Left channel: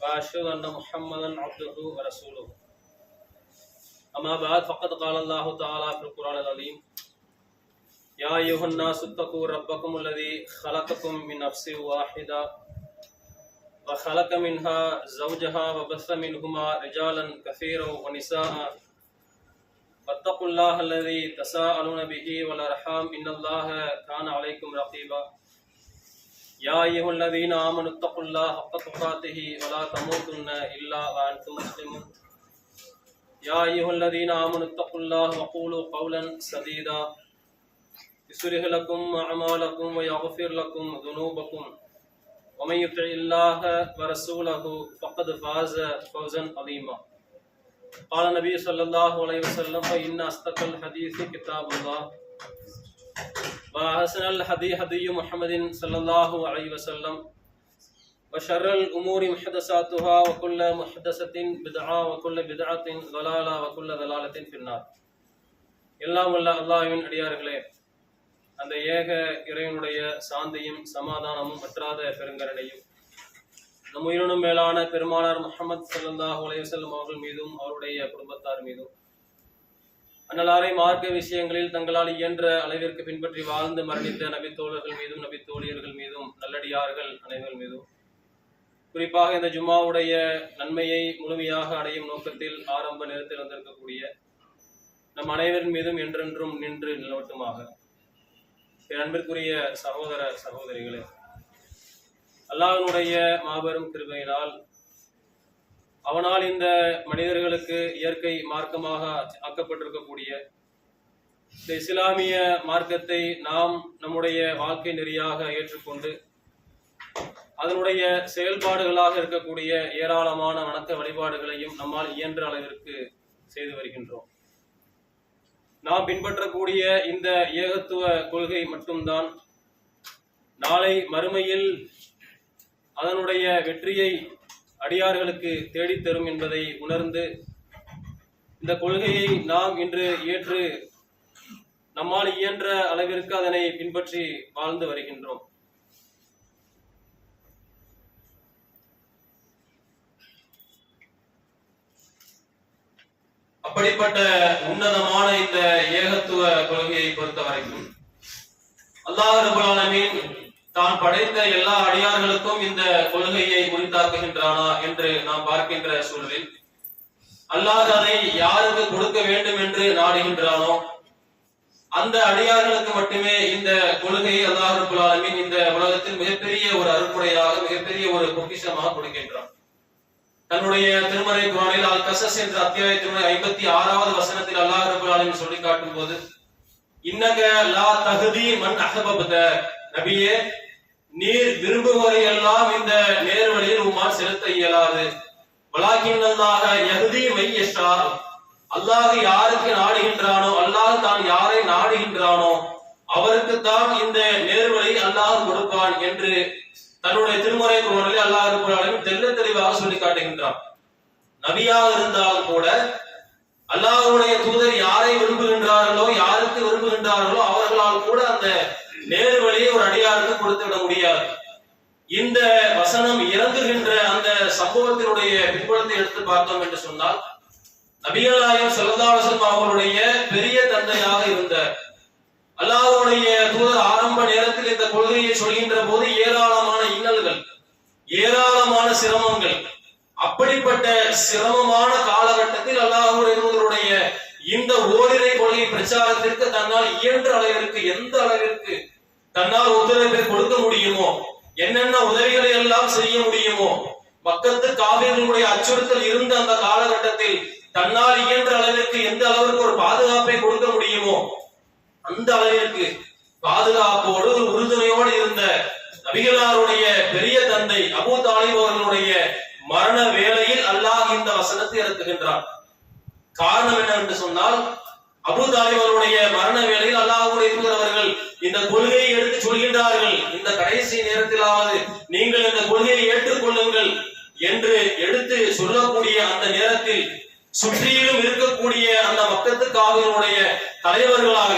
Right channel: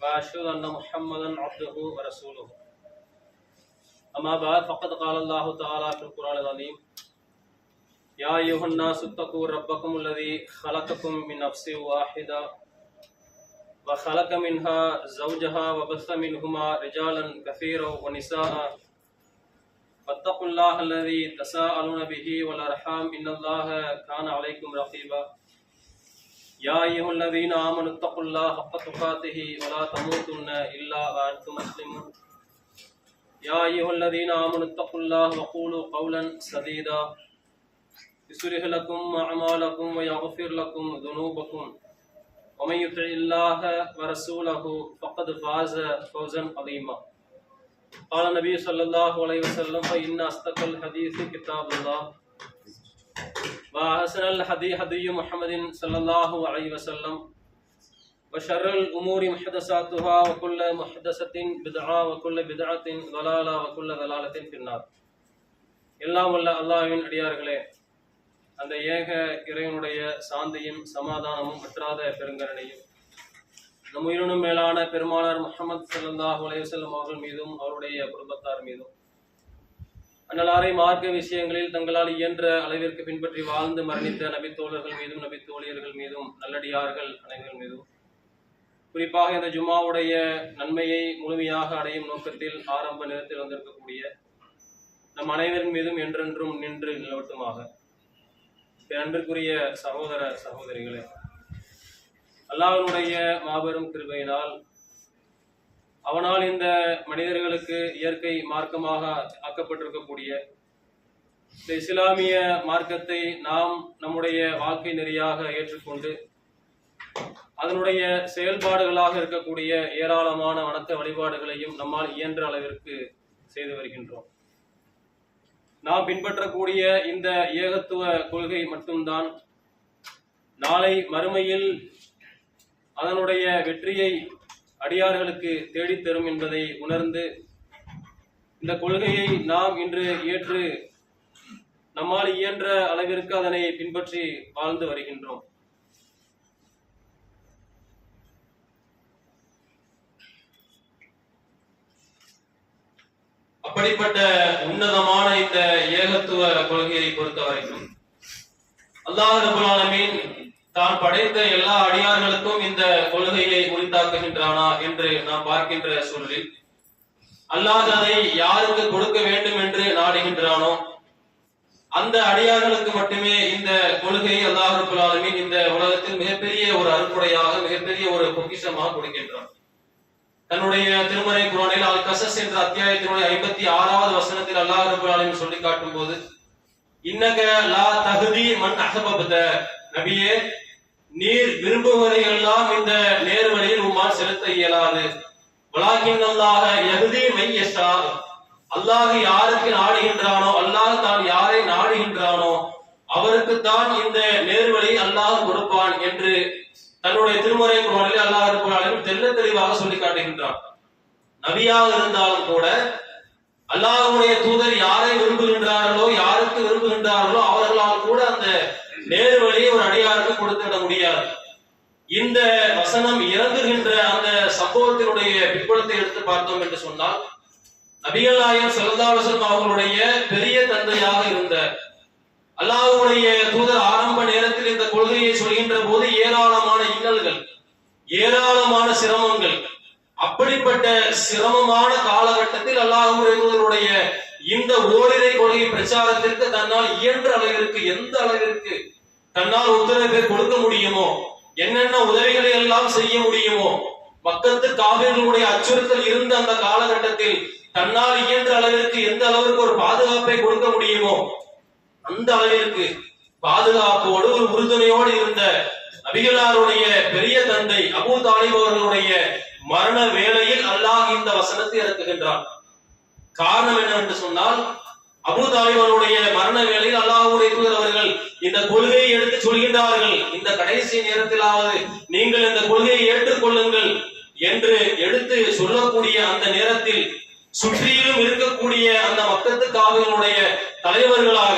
وأشهد أن محمدا عبده ورسوله. أما بعد فقد قال الله تعالى في القرآن العظيم: يا أيها الناس اتقوا ربكم الذي خلقكم من نفس واحدة وخلق منها زوجها وبث منهما رجالا كثيرا ونساء واتقوا الله الذي تساءلون به والأرحام إن الله كان عليكم رقيبا. يا أيها الذين آمنوا اتقوا الله حق تقاته ولا تموتن إلا وأنتم مسلمون. يا أيها الذين آمنوا اتقوا الله وقولوا قولا سديدا يصلح لكم أعمالكم ويغفر لكم ذنوبكم ومن يطع الله ورسوله فقد فاز فوزا عظيما. قال النبي صلى الله عليه وسلم: فإن أصدق الحديث كتاب الله وأحسن الهدي هدي محمد صلى الله عليه وسلم وشر الأمور محدثاتها وكل محدثة بدعة وكل بدعة ضلالة وكل ضلالة في النار. எல்லாம் வல்ல அல்லாஹ்வின் அடியார்களே, அந்த ஏக இறைவனுடைய சாந்தியும் சமாதானமும் வற்றாத பெருங்கருணையும் நம் உயிரினும் மேலான பெருமானார் முஹம்மது ஸல்லல்லாஹு அலைஹி வஸல்லம் அவர்கள் மீதும் அவருடைய குடும்பத்தார் மீதும் அன்னலாரை மார்க்க விஷயங்களில் தங்களால் இயன்ற அளவிற்கு பின்பற்றி வாழ்ந்து மரணித்த நபித்தோழர்கள் மீதும் நபித்தோழியர்கள் மீதும் நல்லடியார்கள் அனைவர்கள் மீதும் குறிப்பாக இந்த ஜும்மாவுடைய நன்மையை முழுமையாக அடையும் நோக்கத்தில் ஆரம்ப நேரத்தில் வந்திருக்கக்கூடிய நம் அனைவரின் மீதும் என்றென்றும் நின்று நிலவட்டுமாக. அன்பிற்குரிய சகோதர சகோதரிகளே, அல்லாஹ்வினுடைய மாபெரும் கிருபையினால் அவனால் இந்த மனிதர்களுக்கு இயற்கை மார்க்கமாக ஆக்கப்பட்டிருக்கக்கூடிய இந்த இஸ்லாமிய மார்க்கத்தை நாம் நம்முடைய வாழ்க்கை நெறியாக ஏற்றுக்கொண்டு அதனுடைய செயல்பாடுகளாக இருக்கக்கூடிய ஏராளமான வணக்க வழிபாடுகளையும் நம்மால் இயன்ற அளவிற்கு செய்து வருகின்றோம். நாம் பின்பற்றக்கூடிய இந்த ஏகத்துவ கொள்கை மட்டும்தான் நாளை மறுமையில் அதனுடைய வெற்றியை அடியார்களுக்கு தேடித்தரும் என்பதை உணர்ந்து இந்த கொள்கையை நாம் இன்று ஏற்று நம்மால் இயன்ற அளவிற்கு அதனை பின்பற்றி வாழ்ந்து வருகின்றோம். அப்படிப்பட்ட உன்னதமான இந்த ஏகத்துவ கொள்கையை பொறுத்த வரைக்கும் அல்லாஹ் ரப்பல் ஆலமீன் தான் படைத்த எல்லா அடியார்களுக்கும் இந்த கொள்கையை உரித்தாக்குகின்றானா என்று நாம் பார்க்கின்ற சூழலில் அல்லாஹ் அதை யாருக்கு கொடுக்க வேண்டும் என்று நாடுகின்றானோ அந்த அடியார்களுக்கு மட்டுமே இந்த கொள்கையை அல்லாஹ் ரப்பல் ஆலமீன் இந்த உலகத்தில் மிகப்பெரிய ஒரு அருட்கொடையாக மிகப்பெரிய ஒரு பொக்கிஷமாக கொடுக்கின்றான். தன்னுடைய திருமறை குர்ஆனில் அல் கஸஸ் என்ற அத்தியாயத்தினுடைய 56வது வசனத்தில் அல்லாஹ் ரப்பல் ஆலமீன் சொல்லி காட்டும் போது, இன்னக லா தஹ்தி மன் அஹ்பப்த, நபியே நீர் விரும்புவரை எல்லாம் இந்த நேர்வழியில் உம்மால் செலுத்த இயலாது. வலாகின் அல்லாஹ் யஹ்தி மை யஷா, அல்லாஹ் யாருக்கு நாடுகின்றானோ அல்லாஹ் தான் யாரை நாடுகின்றானோ அவருக்கு தான் இந்த நேர்வழி அல்லாஹ் கொடுப்பான் என்று தன்னுடைய திருமறை குர்ஆனில் அல்லாஹ் ரப்பல் ஆலமீன் தெள்ள தெளிவாக சொல்லி காட்டுகின்றான். நபியாக இருந்தாலும் கூட அல்லாஹ்வுடைய தூதர் யாரை விரும்புகின்றார்களோ யாருக்கு விரும்புகின்றார்களோ அவர்களால் கூட அந்த நேர்வழியை ஒரு அடியாருக்கு கொடுத்து விட முடியாது. இந்த வசனம் இறங்குகின்ற அந்த சம்பவத்தினுடைய பின்புலத்தை எடுத்து பார்த்தோம் என்று சொன்னால், நபிகள் நாயகம் ஸல்லல்லாஹு அலைஹி வஸல்லம் அவர்களுடைய பெரிய தந்தையாக இருந்த அல்லாஹ்வுடைய தூதர் ஆரம்ப நேரத்தில் இந்த கொள்கையை சொல்கின்ற போது ஏராளமான இன்னல்கள், ஏராளமான சிரமங்கள், அப்படிப்பட்ட சிரமமான காலகட்டத்தில் அல்லாஹ்வுடைய தூதருடைய இந்த ஓரிரை கொள்கை பிரச்சாரத்திற்கு தன்னால் இயன்ற அளவிற்கு எந்த அளவிற்கு தன்னால் ஒத்துழைப்பை கொடுக்க முடியுமோ, என்னென்ன உதவிகளை எல்லாம் செய்ய முடியுமோ, மக்கத்து காவிர்களுடைய அச்சுறுத்தல் இருந்த அந்த காலகட்டத்தில் தன்னால் இயன்ற அளவிற்கு எந்த அளவிற்கு ஒரு பாதுகாப்பை கொடுக்க முடியுமோ அந்த அளவிற்கு பாதுகாப்போடு ஒரு உறுதுணையோடு இருந்த நபிகளாருடைய பெரிய தந்தை அபூ தாலிப் அவர்களுடைய மரண வேளையில் அல்லாஹ் இந்த வசனத்தை இறக்குகின்றான். காரணம் என்னவென்று சொன்னால், அபூ தாலிப் அவருடைய மரண வேளையில் அல்லாஹ்வுடைய தூதர் அவர்கள் இந்த கொள்கையை எடுத்து சொல்கின்றார்கள், இந்த கடைசி நேரத்திலாவது நீங்கள் இந்த கொள்கையை ஏற்றுக்கொள்ளுங்கள் என்று எடுத்து சொல்லக்கூடிய அந்த நேரத்தில் சுற்றிலும் இருக்கக்கூடிய அந்த மக்கத்து காவிகளுடைய தலைவர்களாக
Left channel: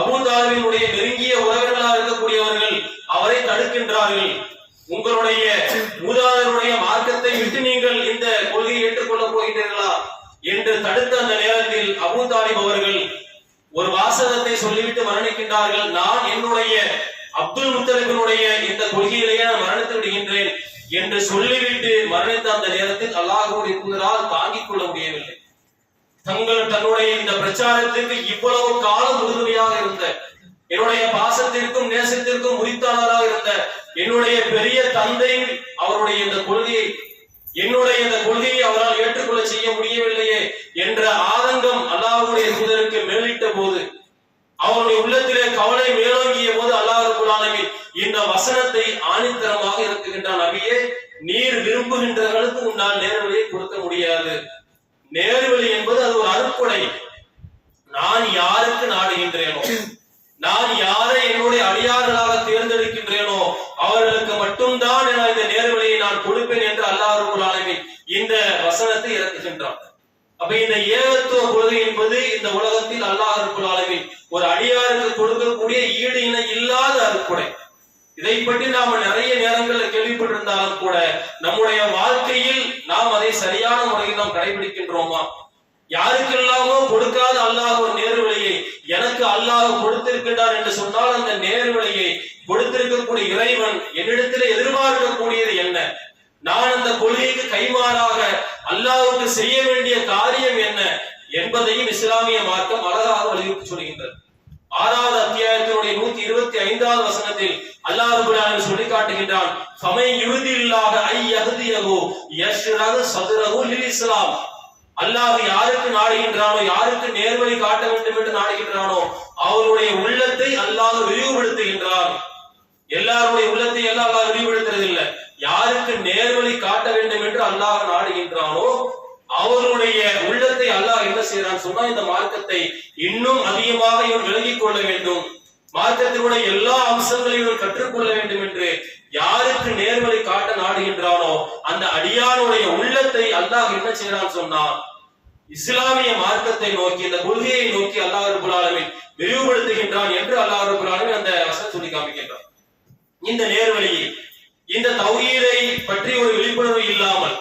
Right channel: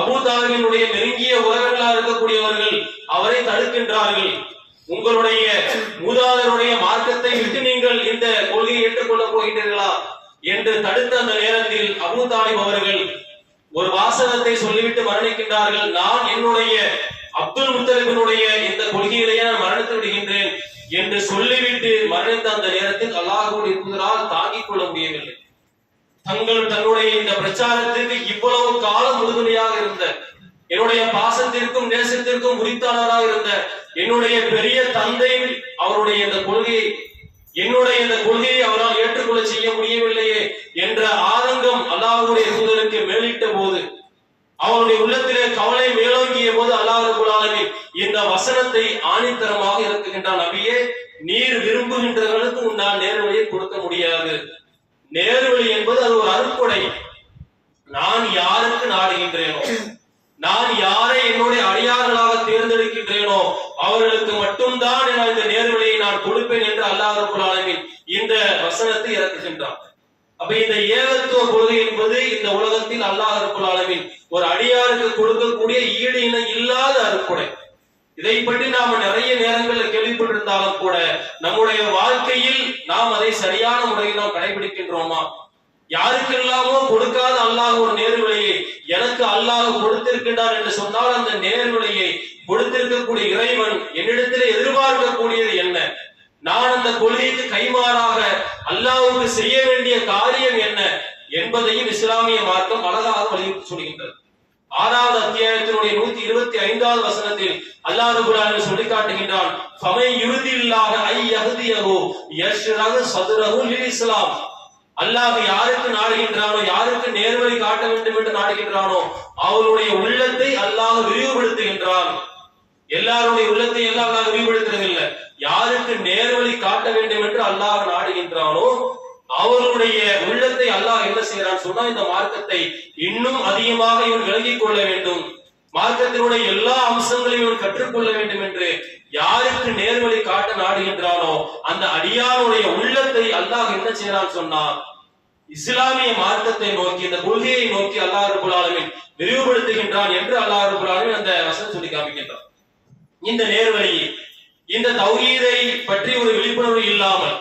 அபூ தாலிபினுடைய நெருங்கிய உறவினர்களாக இருக்கக்கூடியவர்கள் அவரை தடுக்கின்றார்கள். உங்களுடைய மூதாதையருடைய மார்க்கத்தை விட்டு தடுத்த அந்த நேரத்தில் அபூ தாலிப் அவர்கள் ஒரு வாசகத்தை சொல்லிவிட்டு மரணிக்கின்றார்கள். நான் என்னுடைய அப்துல் முத்தலிபினுடைய இந்த கொள்கையிலேயே நான் மரணித்து விடுகின்றேன் என்று சொல்லிவிட்டு மரணித்த அந்த நேரத்தில் அல்லாஹ்வுடைய தூதரால் தாங்கிக் கொள்ள முடியவில்லை. தன்னுடைய இந்த பிரச்சாரத்திற்கு இவ்வளவு காலம் உறுதுணையாக இருந்த, என்னுடைய பாசத்திற்கும் நேசத்திற்கும் உரித்தானராக இருந்த என்னுடைய பெரிய தந்தை அவருடைய இந்த கொள்கையை, என்னுடைய இந்த கொள்கையை அவரால் ஏற்றுக்கொள்ள செய்ய முடியவில்லையே என்ற ஆதங்கம் அல்லாஹ்வுடைய தூதருக்கு மேலிட்ட போது, அவருடைய உள்ளத்திலே கவலை மேலோங்கிய போது அல்லாஹ் ரப்பல் ஆலமீன் இந்த வசனத்தை ஆணித்தரமாக இருக்குகின்றான். நபியே, நீர் விரும்புகின்றவர்களுக்கு உன்னால் நேர்வழியை கொடுக்க முடியாது. நேர்வழி என்பது அது ஒரு அருட்கொடை. நான் யாருக்கு நாடுகின்றேனோ, நான் யாரை என்னுடைய அடியார்களாக தேர்ந்தெடுக்கின்றேனோ அவர்களுக்கு மட்டும்தான் இந்த நேர்வழியை நான் கொடுப்பேன் என்று அல்லாஹ் ரப்பல் ஆலமீன் இந்த வசனத்தை இறக்குகின்றான். அப்ப இந்த ஏகத்துவ கொள்கை என்பது இந்த உலகத்தில் அல்லாஹ் ரப்பல் ஆலமீன் ஒரு அடியாருக்கு கொடுக்கக்கூடிய ஈடு இணை இல்லாத அருட்கொடை. இதை பற்றி நாம நிறைய நேரங்களில் கேள்விப்பட்டிருந்தாலும் கூட நம்முடைய வாழ்க்கையில் நாம் அதை சரியான முறையில் நாம் கடைபிடிக்கின்றோமா? யாருக்கெல்லாமோ கொடுக்காத அல்லாஹ் ஒரு நேர்வழியை எனக்கு அல்லாஹ் கொடுத்திருக்கின்றார் என்று சொன்னால் அந்த நேர்வழியை கொடுத்திருக்கக்கூடிய இறைவன் என்னிடத்திலே எதிர்பார்க்கக்கூடியது என்ன? நான் அந்த கொள்கைக்கு கைமாறாக அல்லாஹ்வுக்கு செய்ய வேண்டிய காரியம் என்ன என்பதையும் இஸ்லாமிய மார்க்கம் அழகாக வலியுறுத்தி சொல்கின்றது. 6வது அத்தியாயத்தினுடைய 125வது வசனத்தில் அல்லாஹ் ரப்பல் ஆலமீன் சொல்லி காட்டுகின்றான், ஃபமை யுரிதில்லாஹ ஐ யஹ்தியஹு யஷ்ரஹு ஸத்ரஹு லில் இஸ்லாம். அல்லாஹ் யாருக்கு நாடுகின்றானோ, யாருக்கு நேர்வழி காட்ட வேண்டும் என்று நாடுகின்றானோ அவருடைய உள்ளத்தை அல்லாஹ் விரிவுபடுத்துகின்றான். எல்லாருடைய உள்ளத்தை எல்லாம் அல்லாஹ் விரிவுபடுத்துறது இல்லை. யாருக்கு நேர்வழி காட்ட வேண்டும் என்று அல்லாஹ் நாடுகின்றானோ அவருடைய உள்ளத்தை அல்லாஹ் என்ன செய்யறான் சொன்னா, இந்த மார்க்கத்தை இன்னும் அதிகமாக இவன் விளங்கிக் கொள்ள வேண்டும், மார்க்கத்தினுடைய எல்லா அம்சங்களையும் இவன் கற்றுக்கொள்ள வேண்டும் என்று யாருக்கு நேர்வழி காட்ட நாடுகின்றானோ அந்த அடியாருடைய உள்ளத்தை அல்லாஹ் என்ன செய்யறான் சொன்னா, இஸ்லாமிய மார்க்கத்தை நோக்கி, இந்த கொள்கையை நோக்கி அல்லாஹ் ரப்பல் ஆலமீன் விரிவுபடுத்துகின்றான் என்று அல்லாஹ் ரப்பல் ஆலமீன் அந்த வசனம் சொல்லி காமிக்கின்றான். இந்த நேர்வழி, இந்த தௌஹீதை பற்றி ஒரு விழிப்புணர்வு இல்லாமல்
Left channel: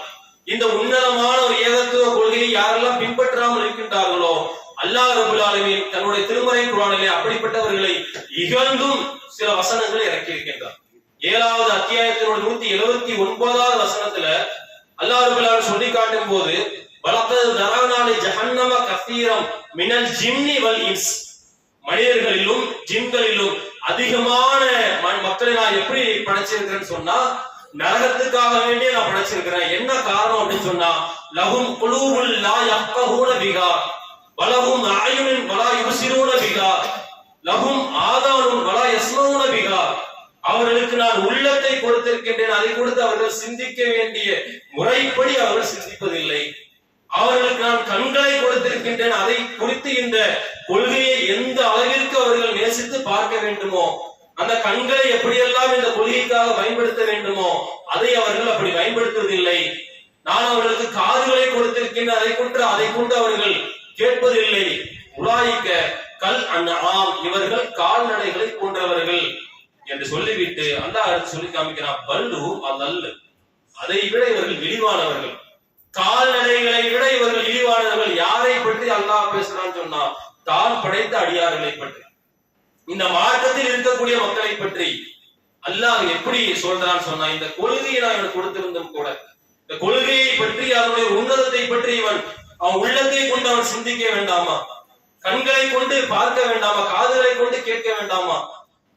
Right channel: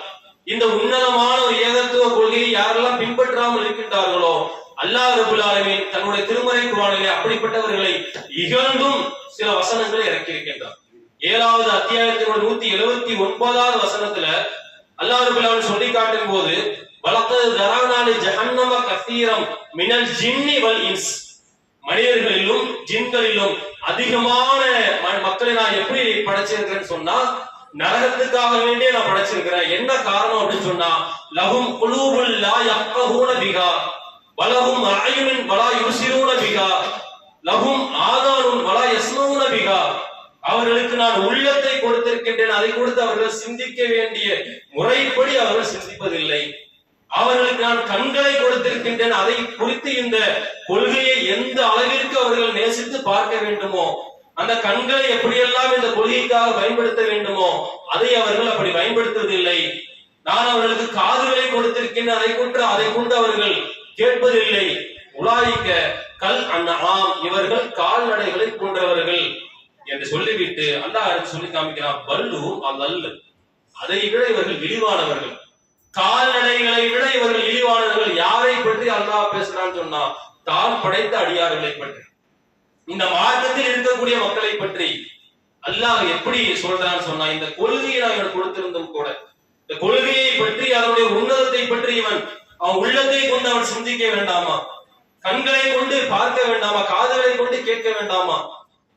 இந்த உன்னதமான ஒரு ஏகத்துவ கொள்கையை யாரெல்லாம் பின்பற்றாமல் இருக்கின்றார்களோ அல்லாஹ் ரப்பல் ஆலமீன் தன்னுடைய திருமறை குர்ஆனிலே அப்படிப்பட்டவர்களை இகழ்ந்தும் சில வசனங்களை இறக்கி இருக்கின்றார். 7வது அத்தியாயத்தினுடைய 179வது வசனத்துல அல்லாஹ் ரப்பல் ஆலமீன் சொல்லி காட்டும் போது, வலக்கத் தரவனா லி ஜஹன்னம கஸீரம் மினல் ஜின்னி வல் இன்ஸ், மனிதர்களிலும் ஜின்களிலும் அதிகமான மக்களை நான் எப்படி படைச்சிருக்கிறேன்னு சொன்னா, நரகத்துக்காக வேண்டிய நான் படைச்சிருக்கிறேன். என்ன காரணம் அப்படின்னு சொன்னா, லஹும் குலூபுல் லா யஃகஹூன பிஹா வலஹும் அயுனுன் வலா யுப்சிரூன பிஹா லஹும் ஆதானுன் வலா யஸ்மஊன பிஹா. அவர்களுக்கு நான் உள்ளத்தை கொடுத்திருக்கின்றேன், அதை கொடுத்து அவர்கள் சிந்திக்க வேண்டிய முறைப்படி அவர்கள் சிந்திப்பதில்லை. அவர்களுக்கு நான் கண்களை கொடுத்திருக்கின்றேன், அதை குறித்து இந்த கொள்கையை எந்த அளவிற்கு அவர்கள் நேசித்து பார்க்க வேண்டுமோ, அந்த கண்களை எப்படியெல்லாம் இந்த கொள்கைக்காக பயன்படுத்த வேண்டுமோ அதை அவர்கள் அப்படி பயன்படுத்துவதில்லை. நான் அவர்களுக்கு காதுகளை கொடுத்திருக்கின்றேன், அதை கொண்டு அவர்கள் கேட்பதில்லை. உலாயிக்க கல் அன்ஆம், இவர்கள் கால்நடைகளை போன்றவர்கள் என்று சொல்லிவிட்டு அல்லாஹ் சொல்லி காமிக்கிறான், பல்லுஹும் அதல், அதை விட இவர்கள் இழிவானவர்கள், கால்நடைகளை விட இவர்கள் இழிவானவர்கள். யாரை பற்றி அல்லாஹ் பேசுறான்னு சொன்னா, தான் படைத்த அடியார்களை பற்றி, இந்த மார்க்கத்தில் இருக்கக்கூடிய மக்களை பற்றி அல்லாஹ் எப்படி சொல்றான்னு சொன்னா, இந்த கொள்கையை நான் கொடுத்திருந்தும் கூட இந்த கொள்கையை பற்றி அதனுடைய உன்னதத்தை பற்றி அவன் உள்ளத்தை கொண்டு அவன் சிந்திக்க வேண்டாமா? கண்களை கொண்டு பார்க்க வேண்டாமா? காதுகளை கொண்டு கேட்க வேண்டாமா?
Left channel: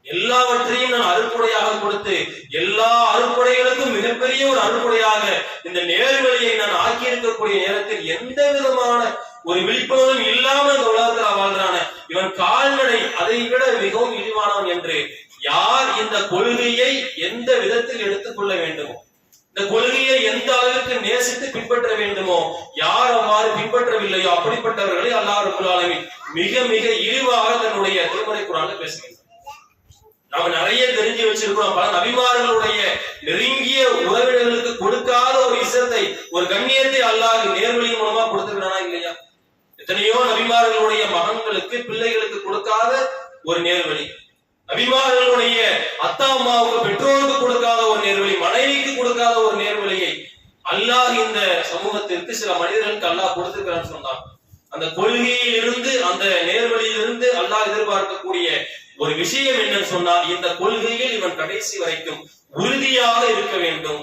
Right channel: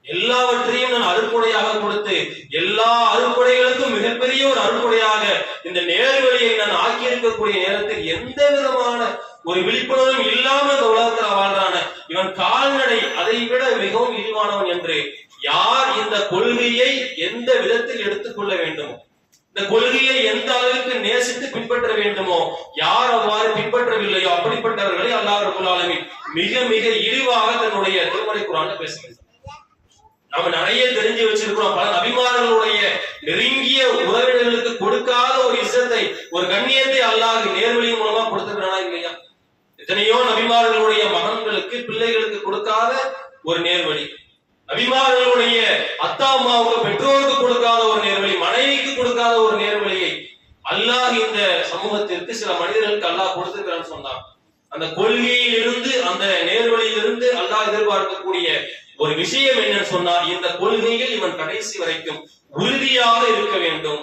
எல்லாவற்றையும் நான் அருட்கொடையாக கொடுத்து எல்லா அருட்கொடைகளுக்கும் மிகப்பெரிய ஒரு அருட்கொடையாக இந்த நேர்வழியை நான் ஆக்கி இருக்கக்கூடிய நேரத்தில் எந்த விதமான ஒரு விழிப்புணர்வும் இல்லாமல் இந்த உலகத்தில் வாழ்றான இவன் கால்நடை அதை விட மிகவும் இழிவானவன் என்று யார் இந்த கொள்கையை எந்த விதத்தில் எடுத்துக்கொள்ள வேண்டுமோ, இந்த கொள்கையை எந்த அளவிற்கு நேசித்து பின்பற்ற வேண்டுமோ, யார் அவ்வாறு பின்பற்றவில்லையோ அப்படிப்பட்டவர்களை அல்லாஹ் ரப்பல் ஆலமீன் மிக மிக இழிவாக தன்னுடைய திருமறை குர்ஆன்ல பேசுகின்றார். நாம நிறைய தெரிஞ்சு வச்சிருக்கிறோம். பல நபிமார்களுடைய நெருங்கிய உறவினர்களுக்கு கொடுக்காத ஒரு இசத்தை, ஒரு கண்ணியத்தை அல்லாஹ் நேர்வழி மூலமா கொடுத்திருக்கிறானா இல்லையா? எத்தனையோ நபிமார்களுடைய மகன்களுக்கு, பிள்ளைகளுக்கு கொடுக்காத ஒரு நேர்வழி, நபிமார்களுடைய அத்தா அம்மாவுக்கு, பெற்றோருக்கு கொடுக்காத ஒரு நேர்வழி, மனைவிக்கு கொடுக்காத ஒரு நேர்வழியை அல்லாஹ் இந்த சமூகத்திற்கு சில மனிதர்களுக்கு அல்லாஹ் கொடுத்திருக்கிறான்னு சொன்னான். அந்த கொள்கையிலிருந்து, அந்த நேர்வழியிலிருந்து அல்லாஹ் எதிர்பார்க்கக்கூடிய ஒரு விஷயம் என்னன்னு சொன்னா, இந்த கொள்கையில் இவன் கடைசி வரைக்கும் உறுதியாக இருக்க வேண்டும்.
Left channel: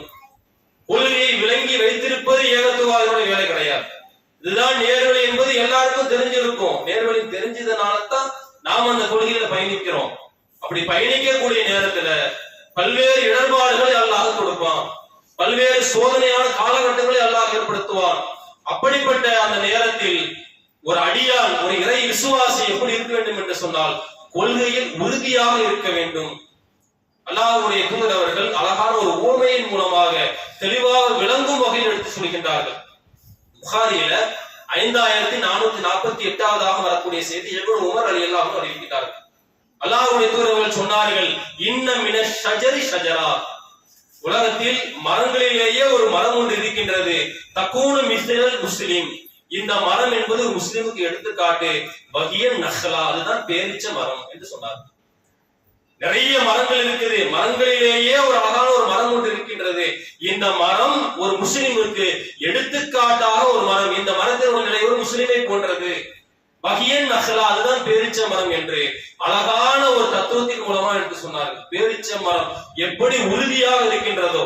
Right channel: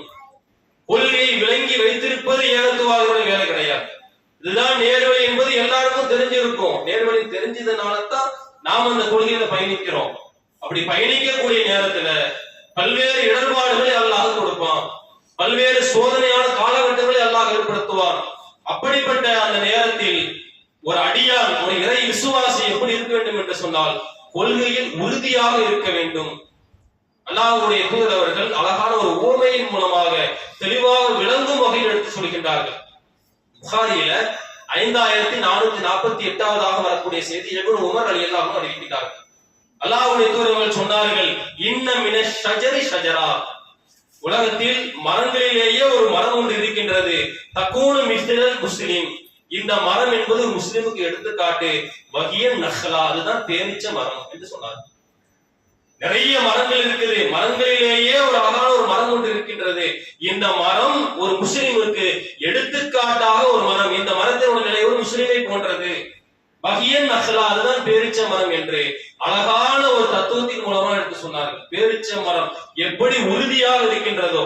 கொள்கையை விளங்கி வைத்திருப்பது ஏகத்துவாதிகளுடைய வேலை கிடையாது. இதுதான் நேர்வழி என்பது எல்லாருக்கும் தெரிஞ்சிருக்கும். நேர்வழி தெரிஞ்சதுனாலதான் நாம் அந்த கொள்கையில பயணிக்கிறோம். அப்படி பயணிக்கக்கூடிய நேரத்துல பல்வேறு இடர்பாடுகளை அல்லாஹ் கொடுப்பான், பல்வேறு சோதனையான காலகட்டங்களை அல்லாஹ் ஏற்படுத்துவான். அப்படிப்பட்ட அந்த நேரத்தில் ஒரு அடியான், ஒரு இறை விசுவாசி எப்படி இருக்க வேண்டும் என்று சொன்னால், கொள்கையில் உறுதியாக இருக்க வேண்டும். அல்லாஹ்வுடைய தூதர் அவர்கள் அழகான ஒரு உவமையின் மூலமாக தெளிவாக விளங்கும் வகையில் எடுத்து சொல்கின்றார்கள். புகாரியில 5448 வரக்கூடிய செய்தி இப்னு உமர் ரலியல்லாஹு அன்ஹு அறிவிக்கிறார்கள். அல்லாஹ்வுடைய தூதர் சொன்னார்கள், இன்ன மின ஷஜரி ஷஜரா, உலகத்தில் மரங்களிலேயே ஒரு மரம் ஒன்று இருக்கின்றது, தக்கூனு மிஸ்லல் முஸ்லிம், இந்த மரம் என்பது ஒரு முஸ்லிமுக்கு எடுத்துக்காட்டு, வகியன் நஹ்லா, அதுதான் பேரிச்ச மரம் என்று சொன்னார். நிறைய மரங்கள் இருக்குது, மரங்களிலேயே ஒரு அழகான ஒரு மரம் ஒன்று இருக்கின்றது, இந்த மரம் ஒரு முஸ்லிமுக்கு எடுத்துக்காட்டாக ஒரு மரம், இந்த மரத்தினோட நிலை ஒரு முஸ்லிமை போன்றது, வகியன் நஹ்லா, அதுதான் பேரிச்ச மரம் என்று அழகான ஒரு தத்துவத்தின் மூலமா எடுத்து சொன்னார்கள். பேரிச்ச மரம் எப்படி உறுதியாக இருக்கின்றதோ,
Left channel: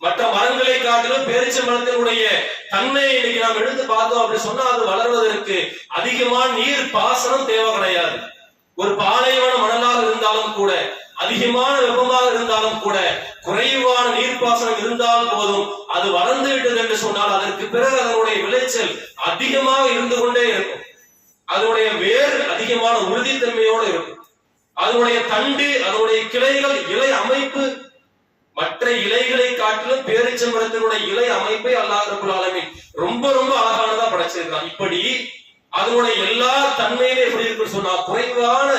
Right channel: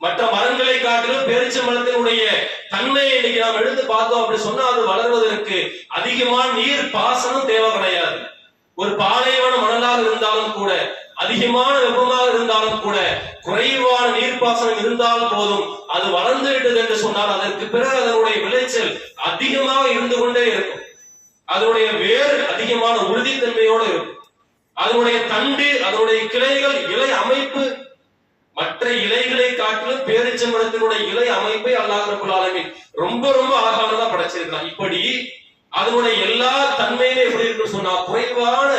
மற்ற மரங்களை காட்டிலும் பேரிச்ச மரத்தினுடைய தன்மையை இன்னைக்கு நாம் எடுத்து பார்த்தோம் அப்படி சொன்னா, அது வளர்வதற்கு அதிகமான நீர் பாசனம் தேவை கிடையாது. ஒரு பாலைவன மணலாக இருந்தாலும் கூட, அதிகமான வெப்பமாக இருந்தாலும் கூட, குறைவான நீர்ப்பாசனம் இருந்தால் போதும், அது வளர்ந்து விட்டது என்று சொன்னால் அதற்கு பிறகு அதனுடைய விளைச்சல் அதிகமாக இருந்து கொண்டே இருக்கும். அதனுடைய வேர் அதிகமான உறுதித்தன்மையோடு இருக்கும். அதனுடைய தண்டு, அதனுடைய கிளைகள், இலை அமைப்பு மற்ற இலைகளை காட்டிலும் பேரிச்ச மரத்தினுடைய இலை அமைப்பை அல்லாஹ் ரப்பல் ஆலமீன் ரொம்ப ரொம்ப அழகானதா படைச்சிருக்கிறான். இப்படி அதனுடைய எல்லா தன்மையுமே எப்படி இருக்குன்னு சொன்னா, குறைவான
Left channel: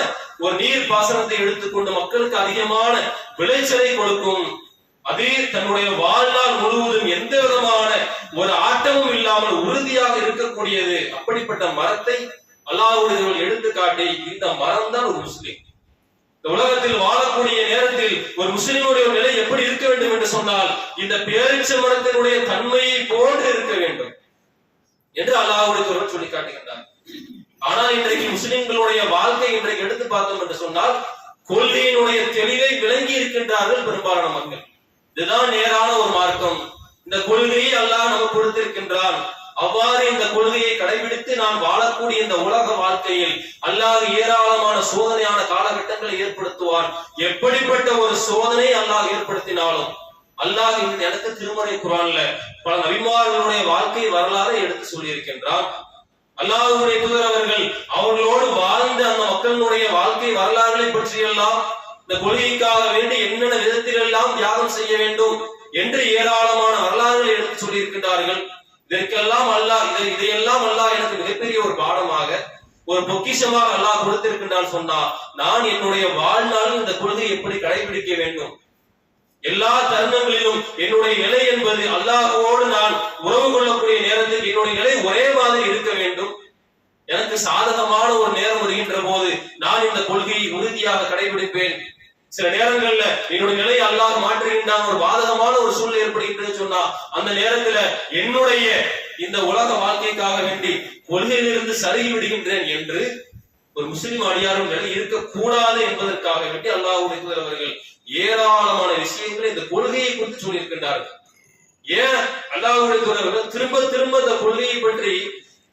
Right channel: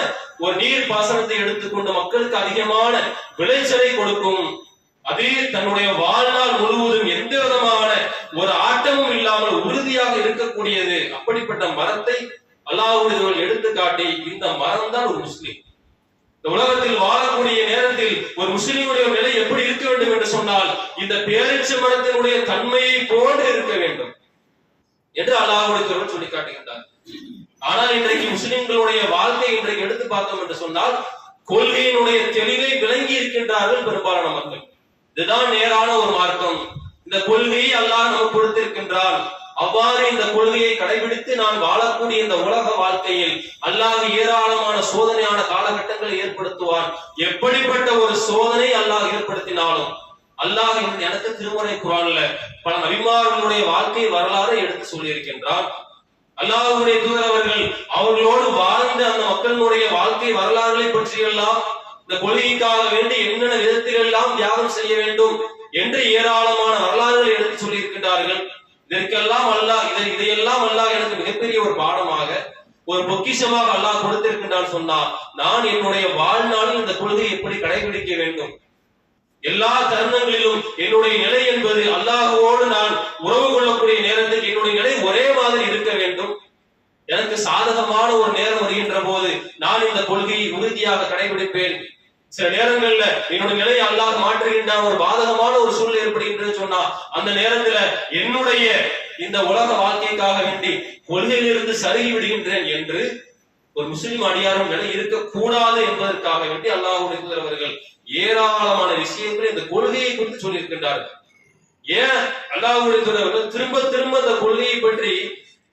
ஒரு நீர் பாசனத்தை எடுத்துக்கொண்டு மக்களுக்கு அதிகமான விளைச்சலை கொடுக்கும். அது தன்னுடைய வாழ்நாள் முழுவதும் எந்த விதமான ஒரு ஆட்டமும் இல்லாமல் உறுதியாக இருக்கக்கூடியது. அப்படிப்பட்ட மரத்தை அல்லாஹ்வுடைய எடுத்துக்காட்டி, இந்த மரம் தான் ஒரு முஸ்லிம். இந்த உலகத்தில் வாழக்கூடிய நேரத்தில் ஒரு முஸ்லிமுடைய நிலை எப்படி இருக்க வேண்டும் என்று சொன்னால், இந்த பேரிச்ச மரத்தினுடைய தன்மையை போன்று இருக்க வேண்டும் என்று அல்லாஹ்வுடைய சொல்லி காட்டுகின்றார். ஆனால் இன்றைக்கு முஸ்லிம்களுடைய வாழ்க்கை இன்றைக்கு எடுத்து பார்த்தோம் என்று சொன்னால், கொள்கையினுடைய தெளிவை விளங்கி இருக்கின்றார்கள் பெரும்பாலான மக்கள். இதுதான் நேரான ஒரு மார்க்கம், இந்த கொள்கையை அல்லாஹ் நமக்கு கொடுத்திருக்கின்றான், அவ்வாறு இந்த கொள்கையை கடைபிடித்து நாம் வாழக்கூடிய இந்த உலக வாழ்க்கையில் அல்லாஹ் ஏராளமான சோதனையான காலகட்டங்களை ஏற்படுத்துவான். எப்படிப்பட்ட ஒரு சோதனை அல்லாஹ் ஏற்படுத்தினாலும், அல்லாஹ் எனக்கு திருமறை குர்ஆன்ல பல நபிமார்களுடைய வாழ்க்கை வரலாறை எடுத்து சொல்லி இருக்கின்றான். அல்லாஹ்வுடைய தூதர் அவர்கள் அவர்களோடு வாழ்ந்த அந்த மக்களுடைய வாழ்க்கை வரலாறுகளை பற்றியெல்லாம், இந்த கொள்கைக்காக வேண்டி என்னென்ன விதத்தில் எல்லாம் தியாகம் செய்ய வேண்டும் என்று ஏராளமான வரலாறுகளை எடுத்து சொல்லி இருக்கின்றார்கள். இதற்கெல்லாம் அல்லாஹ் இதையெல்லாம் அல்லாஹ் எனக்கு மிகப்பெரிய ஒரு பாடமாக, ஒரு பொக்கிஷமாக அல்லாஹ் கொடுத்திருக்கின்றான் சொன்னா, நான் என்னுடைய வாழ்நாளில் இந்த கொள்கையை எப்படி கடைபிடிக்க வேண்டும், எல்லா தருணங்களிலும் என்னுடைய நிலை என்பது அல்லாஹ்வோடு நான் உறவு கொள்ளக்கூடிய நேரத்தில் என்னுடைய நிலை ஒரே மாதிரி இருக்க வேண்டும். எனக்கு சாதகமான ஒரு நேரம் வருகின்ற போது நான் இந்த கொள்கையை உறுதியாக கடைபிடிப்பேன். சில நேரங்கள்ல என்னுடைய நிலையை அல்லாஹ் மாற்றுகின்றான், ஒரு பாதகமான ஒரு சூழ்நிலை ஏற்படுகின்றது சொன்னா, அந்த நேரத்துல என்னுடைய இந்த உலக வாழ்க்கைக்காக வேண்டி கொள்கையிலிருந்து சருகி விடுகின்றேன் என்று ஒரு முஸ்லிம் அடியாரும் நிலை இருக்கக்கூடாது என்பதற்காக வேண்டி அல்லாஹ்வுடைய தூதர் அவர்கள் ஏராளமான விஷயங்களை இந்த கொள்கையை குறித்து சொல்லி இருக்கின்றார்கள். ஏன் அல்லாஹ்வுடைய தூதர் அவர்கள் திரும்ப திரும்ப இந்த கொள்கையை பற்றி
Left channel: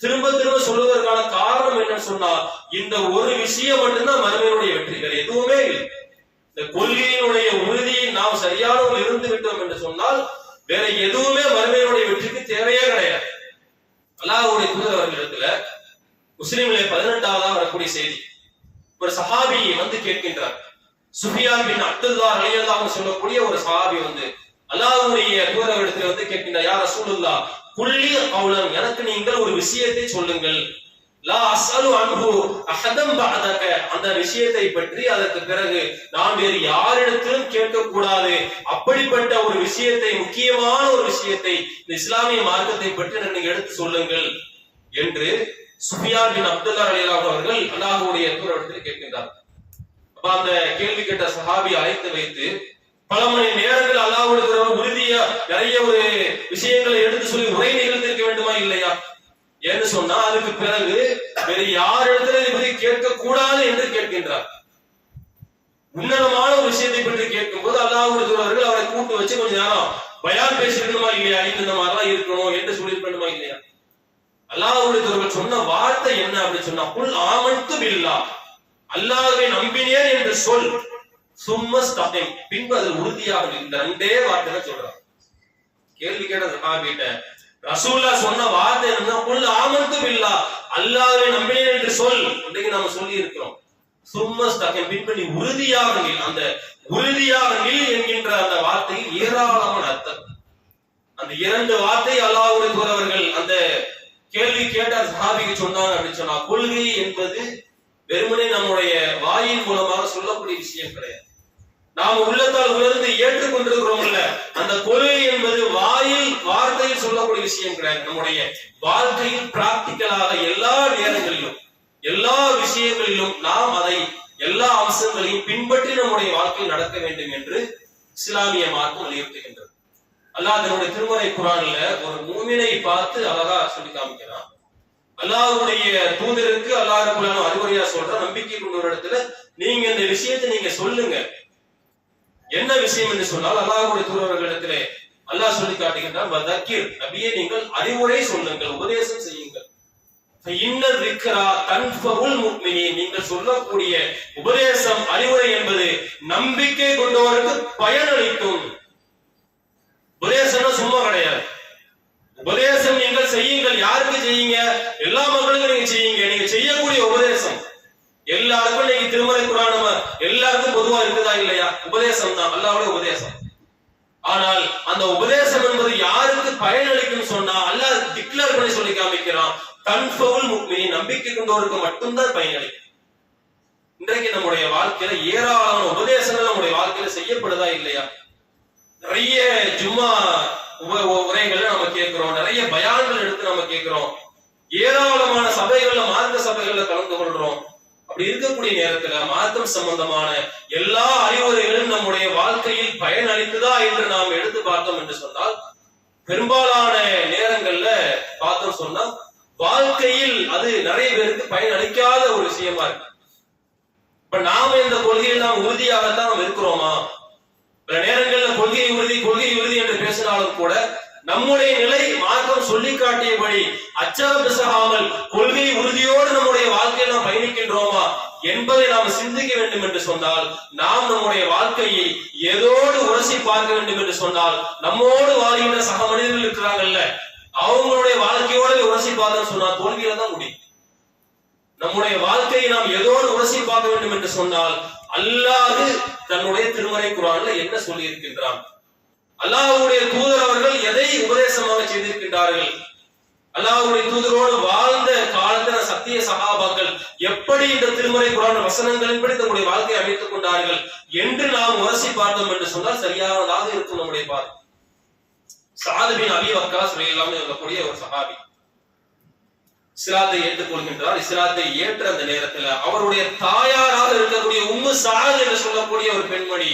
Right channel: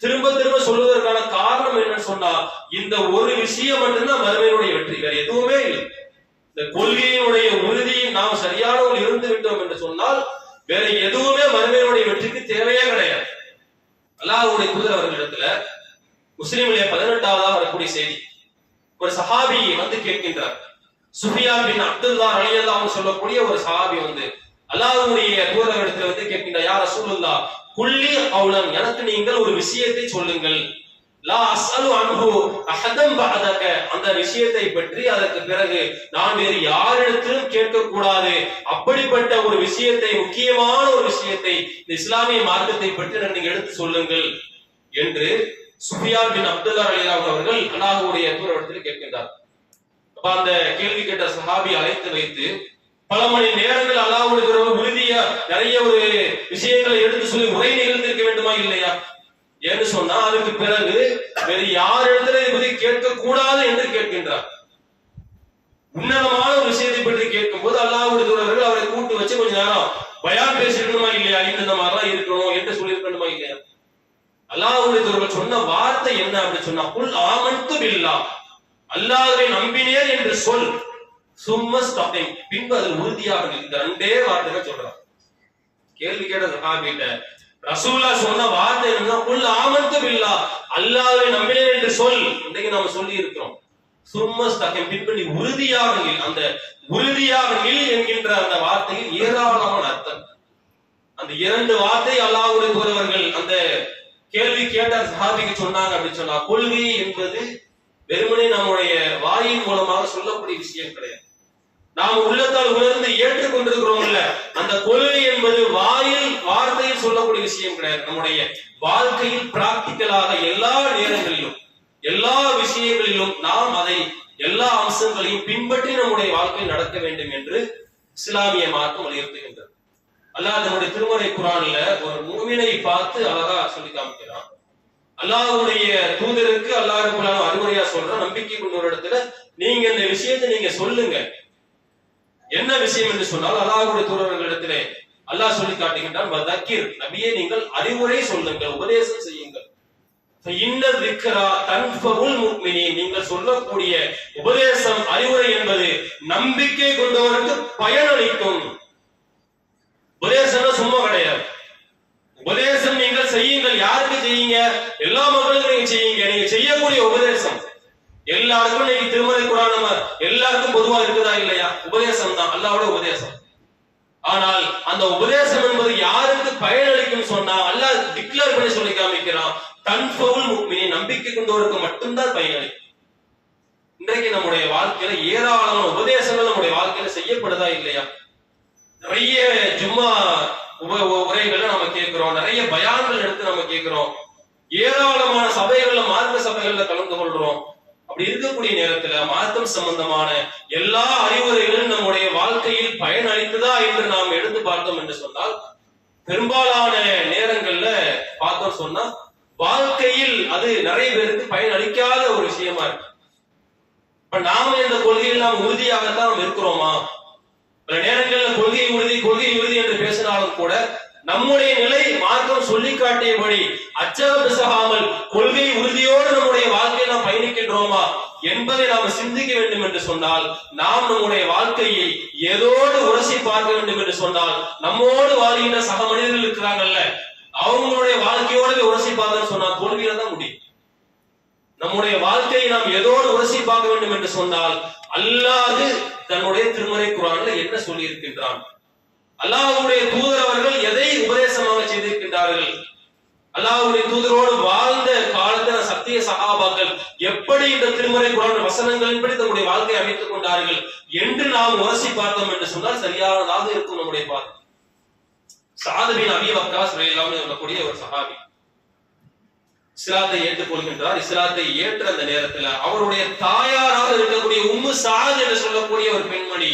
திரும்ப திரும்ப சொல்வதற்கான காரணம் என்னன்னு சொன்னா, இந்த ஒரு விஷயம் மட்டும்தான் மறுமையினுடைய வெற்றி, வேற எதுவுமே இல்லை. இந்த கொள்கையினுடைய உறுதியை நாம் சரியானவர்கள் இருந்து விட்டோம் என்று சொன்னால் வேற எதுவுமே மறுமையினுடைய வெற்றிக்கு தேவையே கிடையாது. அல்லாஹ்வுடைய தூதர் அவர்களிடத்துல முஸ்லிம்களே 18வது வரக்கூடிய செய்தி, ஒரு சஹாபி வந்து கேட்கின்றார். சுஃபியான் பின் அப்துல்லா ரலியல்லாஹு அன்ஹு சொல்லக்கூடிய ஒரு சஹாபி வந்து அல்லாஹ்வுடைய தூதரிடத்தில் வந்து கேட்கின்றார், யா ரசூலுல்லாஹ் குல்லி கௌலன், எனக்கு நீங்கள் ஒரு விஷயத்தை சொல்லுங்கள், லா அஸ்அலு அன்ஹு அஹதம் பஅதக, அந்த விஷயத்தை பற்றி அதற்கு பிறகு நான் வேறு யாரிடத்திலும் கேட்க கூடாது, அப்படிப்பட்ட ஒரு விஷயத்தை, முக்கியமான ஒரு விஷயத்தை, இந்த இஸ்லாமிய மார்க்கத்தை பற்றி நீங்க எடுத்து சொல்லுங்கள் என்று சுஃபியான் பின் அப்துல்லா ரலியல்லாஹு அன்ஹு அவர்கள் அல்லாஹ்வுடைய தூதரிடத்தில் கேட்கின்றார். அப்ப அந்த கேள்வி கேட்ட சஹாபி அழைத்து வைத்து பல மணி நேரங்கள் அல்லாஹ்வுடைய உறுதியா நிறைய ஒரு விஷயங்களை எடுத்து சொல்லி உரை நிகழ்ந்திருக்க வேண்டுமா இல்லையா? என்று சொன்னா அதுக்கு பிறகு வேறு யாரிடத்துல இதை பற்றி கேட்க கூடாது என்று கேட்கின்றார். உன்னதமான ஒரு விஷயத்தை பற்றி கேட்கும் போது அல்லாஹ்வுடைய அவரை கூட்டு வச்சு கொஞ்ச நேரம் பயான் பேசிருக்கணுமா இல்லையா? இந்த மாதிரிலாம் இருக்கணும் என்று சொல்லியிருக்கணுமா இல்லையா? அல்லாஹ்வுடைய சொன்ன வார்த்தை என்ன அப்படி சொன்னா, குல் ஆமன்து பில்லாஹ், அல்லாஹ்வை நம்பினேன் என்று சொல், சும்மா ஸ்டாப்பிங், பின்பு அது உறுதியாக. இந்த ரெண்டே வார்த்தை சொல்றான். கேள்வி கேட்ட சஹாபிட்ட ரசூலுல்லாஹ் சொன்ன வார்த்தை என்ன? குல் ஆமன்து பில்லாஹ், அல்லாஹ்வை நம்பினேன் என்று சொல். இன்னைக்கு நாம சொல்லி இருக்கிறோம். சும்மா ஸ்டாப்பிங், பின்பு நீ உறுதியாக நில். அந்த உறுதியாக நில் என்கின்ற அந்த வார்த்தையில் ஏராளமான அர்த்தம். அந்த இரண்டு வார்த்தை அல்லாஹ்வுடைய தூதர்கள் அந்த கேள்வி கேட்ட சஹாபிக்கு சொன்னாங்க அப்படின்னு சொன்னா, கொள்கை என்பது வெறுமனே நம்முடைய வாயின் மூலமாக சொல்லக்கூடிய விஷயம் கிடையாது. நாம் உள்ளத்தால் உணர்ந்து ஏற்றுக்கொண்டிருக்கிறோம்ல, அந்த கொள்கை என்பது வாயில் வார்த்தையில் சொல்லக்கூடிய விஷயம் கிடையாது. நம்முடைய வாழ்க்கையில் பிராக்டிக்கலாக எல்லா நேரங்களிலும் எல்லா விஷயங்களிலும் நாம் அதை எல்லா அம்சங்களையும் பின்பற்றி நம்முடைய வாழ்க்கையில் நடக்க வேண்டும் என்று இஸ்லாமிய மார்க்கம் வலியுறுத்துகின்றது. அல்லாஹ் தன்னுடைய திருமறை குர்ஆன்ல ஒரு மூமினை பார்த்து அழகா சொல்லி காமிக்கிறான். அல்லாஹ்வுடைய தூதருக்கு அல்லாஹ் ரப்பல் அறிவுரையா சொல்ற, நம்பிக்கை கொண்ட ஒரு இடத்துல நீங்க இந்த விஷயத்தை நீங்க சொல்லுங்க. என்ன விஷயம் என்று சொன்னால், அல்லாஹ்வுடைய தூதர்களிடத்திலே அல்லாஹ் சொல்லி காட்டுகின்றான், வதக்கிர், நபியே நீங்கள் அறிவுரை சொல்லுங்கள், உபதேசம் செய்யுங்கள். இன்ன திக்ரா தன்ஃபஉல் முஃமினீன், நீங்கள் சொல்லக்கூடிய உபதேசம் அறிவுரை என்பது நம்பிக்கை கொண்டவருக்கு பயனளிக்கும். உபதேசம் சும்மா கிடையாது. உபதேசம் நீங்கள் செய்யுங்கள். யாருக்கு செய்யுங்க? எல்லா மக்களுக்கும் நீங்க செய்யுங்க. நீங்க செய்யக்கூடிய உபதேசம் எல்லாருக்கும் நீங்க திருமறை குர்ஆன் எல்லாருக்கும் பொதுவா இருக்குதா இல்லையா? உபதேசம் தான் அல்லாஹ்வுடைய உபதேசம். ஆனால் அந்த உபதேசம் என்பது யாருக்கு பயனளிக்கும் சொன்னா அல்லாஹ் டிக்ளேர் பண்ணி சொல்லி காமிக்கிறான், தன்ஃபவுல் முஃமினீன், நம்பிக்கை கொண்டவருக்கு மட்டும்தான் பயனளிக்கும். இன்றைக்கு நம்முடைய வாழ்க்கையில ஏராளமான உபதேசங்கள் நம்முடைய வாழ்க்கையில செய்யப்படுதா இல்லையா? நிறைய ஜும்மா உரைகள்ல நம்ம கேட்கிறோம், நிறைய பயான்கள் எடுத்து நம்ம கேட்கிறோம், ஏராளமான சபைகள்ல மார்க்க சபைகள்ல கலந்து கொள்றோம். அப்படி இருக்கக்கூடிய நேரத்துல மார்க்கம் சம்பந்தமான எல்லா அறிவுரைகளும் நம்முடைய வாழ்க்கையில் பயனளிக்குதா என்று நாம் எடுத்து பார்த்தோம் என்று சொன்னால், பெரும்பாலான நேரங்கள்ல பார்த்தோம் சொன்னா வாழ்க்கையில் அது நிறைய பேருக்கு பயனளிக்காத ஒரு விஷயமா இருக்கு. இப்ப நாம இந்த கொள்கையில் நாம் உறுதியாகத்தான் நாம் இருக்கிறோமா? பல நேரங்கள்ல கொள்கை உறுதி என்று பேசினாலும் கூட நம்முடைய நிலை மார்க்கம் சொல்லி காட்டியபடி அச்சகபிசகாமல் கொள்கை உறுதியோடு நம்முடைய வாழ்க்கையில் நாம் பயணிக்கின்றோமா என்பதை நாம் சிந்திக்க வேண்டும் என்று சொன்னால், நாம் நம்முடைய வாழ்க்கையை ஏதோடு உரசி பார்க்க வேண்டும் என்று சொன்னால், நம்மோடு வாழ்கின்ற சக மனிதர்கள் இருக்கிறாங்கல்ல, அவங்களுடைய வாழ்க்கையோடு உரசி பார்க்கணும்னு சொன்னால் தோல்வியில தான் முடியும். நம்முடைய வாழ்க்கையை நாம் ஏதோடு உரசி பார்க்க வேண்டும் என்று சொன்னால், அல்லாஹ் தன்னுடைய திருமறை குர்ஆன்ல என்ன சொல்லி இருக்கின்றான், அல்லாஹ்வுடைய தூதர் அவர்கள் எதை உபதேசமாக செய்திருக்கின்றார்கள், அல்லாஹ்வுடைய தூதரோடு வாழ்ந்த காலத்துல சத்திய சஹாபாக்கள் எப்படி இந்த திருமறை குர்ஆன் வசனங்களின்படி தன்னுடைய வாழ்க்கையை அமைத்துக் கொண்டார்கள் என்று நாம் உரசி பார்த்தோம் என்று சொன்னால் சரியானதாக இருக்கும் நம்முடைய பார்வை. சஅத் பின் அபீ வக்காஸ் ரலியல்லாஹு அன்ஹு சொல்லக்கூடிய ஒரு சஹாபி இஸ்லாத்தை ஏற்றுக்கொள்கின்றார். இஸ்லாத்தை ஏற்ற அந்த நேரத்துல அவருடைய தாயாராக இருக்கக்கூடிய உம்மு சஅத் என்று சொல்லக்கூடிய ஒரு பெண்மணி,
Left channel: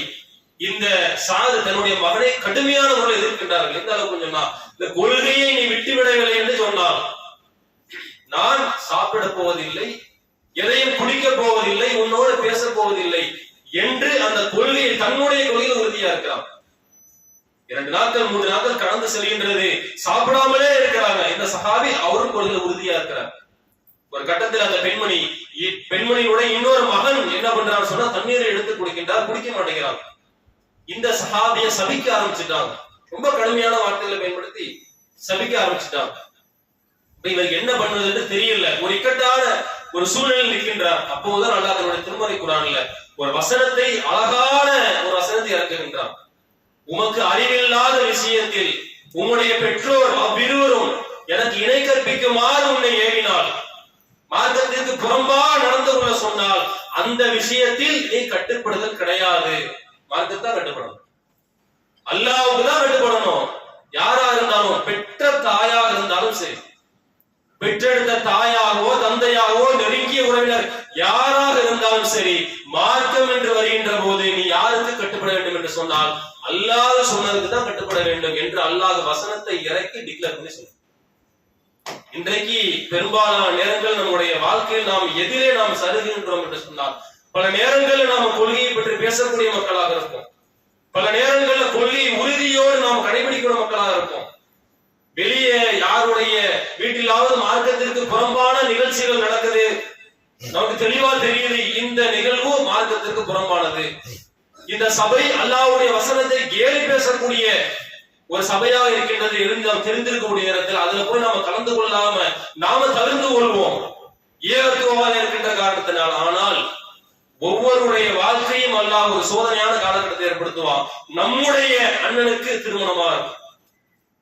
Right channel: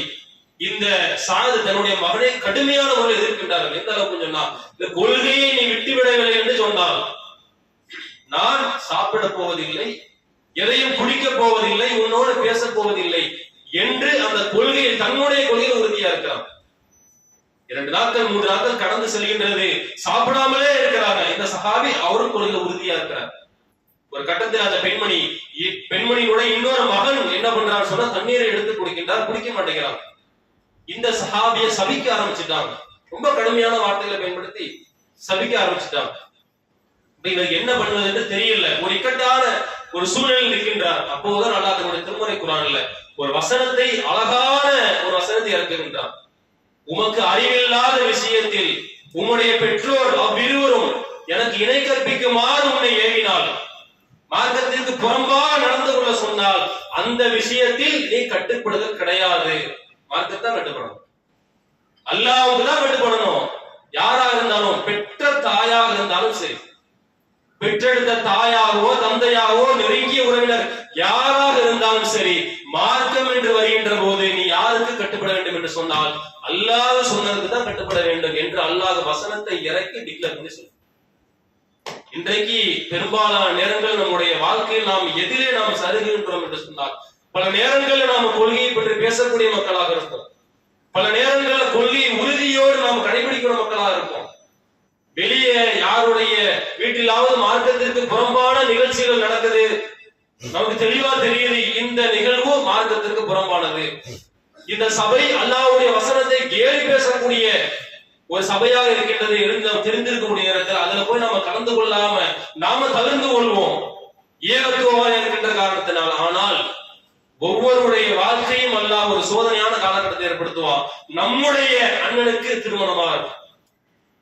இந்த சஅத் தன்னுடைய மகனை கடுமையான முறையில் எதிர்க்கின்றார்கள். எந்த அளவுக்கு சொன்னா, இந்த கொள்கையை நீ விட்டுவிடவில்லை என்று சொன்னால் நான் சாப்பிட போவதில்லை, எதையும் குடிக்க போவதில்லை, உன்னோடு பேச போவதில்லை என்று அந்த கொள்கையில் தன்னுடைய கொள்கையில் உறுதியா இருக்கிறான். 2 நாட்கள் 3 நாட்கள் கடந்து செல்கின்றது, சாப்பிடாமலே இருக்கிறாங்க. இந்த சஹாபி அவரும் கொள்கையில் உறுதியா இருக்கிறார். ஒரு கட்டத்தில் அந்த பெண்மணியுடைய இன்னொரு மகன் என்ன பண்றான்னு சொன்னா தண்ணீரை எடுத்து குடிக்கின்றார், குடிக்க மாட்டேங்கிறாங்க. இந்த சஹாபியை சபிக்க ஆரம்பிச்சுட்டாங்க. ரொம்ப கடுமையான வார்த்தைகளை பயன்படுத்தி சபிக்க ஆரம்பிச்சுட்டாங்க. இவருக்கு என்ன பண்ணுவது என்று தெரியல. ஒரு இக்கட்டான ஒரு சூழலில் இருக்கின்றார். அப்போதுதான் அல்லாஹ் தன்னுடைய திருமறை குர்ஆன்ல ஒரு வசனத்தை, அழகான ஒரு வசனத்தை இறக்குகின்றார். உமக்கு அறிவில்லாத விஷயத்தில் உம்முடைய பெற்றோர் அவ்விருவரும் எனக்கு இணை கற்பிக்குமாறு உன்னை ஏவினால், மார்க்கத்திற்கு புறம்பா நடந்து கொள்ள சொன்னால் அந்த விஷயத்தில் நீ கட்டுப்படுதல் கிடையாது. மார்க்கத்தான் கட்டுப்படணும், அல்லாஹ்வுக்கு தான் கட்டுப்படணும். யாரா இருந்தாலும், பெற்ற தாயாக இருந்தாலும் சரி, பெற்றெடுத்த தாயாகவோ தந்தையாகவோ நெருங்கிய உறவினர் யாராக இருந்தாலும் சரி, மார்க்கம் என்று வருகின்ற போது நீ யாருக்கு கட்டுப்பட வேண்டும் என்று சொன்னால் அல்லாஹ் சொன்னதுக்கு தான் கட்டுப்பட வேண்டும் என்று அல்லாஹ் வசனத்தை இறக்கி டிக்ளேர் பண்ணி சொல்றான். இன்றைக்கு பெரும்பாலான நேரங்கள் நம்முடைய வாழ்க்கையில் நாம் எதிரே நாம் சருகின்றோம் என்று சொன்னால், பல நேரங்களில் நாம் கொள்கையை பற்றி பேசக்கூடிய மக்களாக இருப்போம், பல நேரங்களில் கொள்கை உறுதியோடு நாம் கடைபிடிக்கிற மக்களாக இருப்போம். வெளியே யாருடைய வீட்டிலாவது மார்க்கத்திற்கு புறம்பான நிகழ்ச்சிகள் நடக்குது, நமக்கு தெளிவா தெரியுது இந்த நிகழ்வு மார்க்கத்திற்கு புறம்பானது, இந்த சபை அல்லாஹ்வுடைய வசனத்தை கேலி பேசக்கூடிய ஒரு சபையாக இருக்கின்றது இருந்து நாம் தெரிந்திருக்கக்கூடிய நேரத்தில் அதுல போய் நாம கலந்து கொள்ளாம நாம தவிர்த்து கொள்வோம் ஏகத்துவமாக இருக்கின்ற காரணத்தினால். ஆனால் ஒவ்வொருடைய வாழ்க்கையும் அல்லாஹ் ஒரு சோதனையான காலகட்டத்தை ஏற்படுத்துவான். நம்முடைய அண்ணனுக்கு திருமணமா இருக்கும்,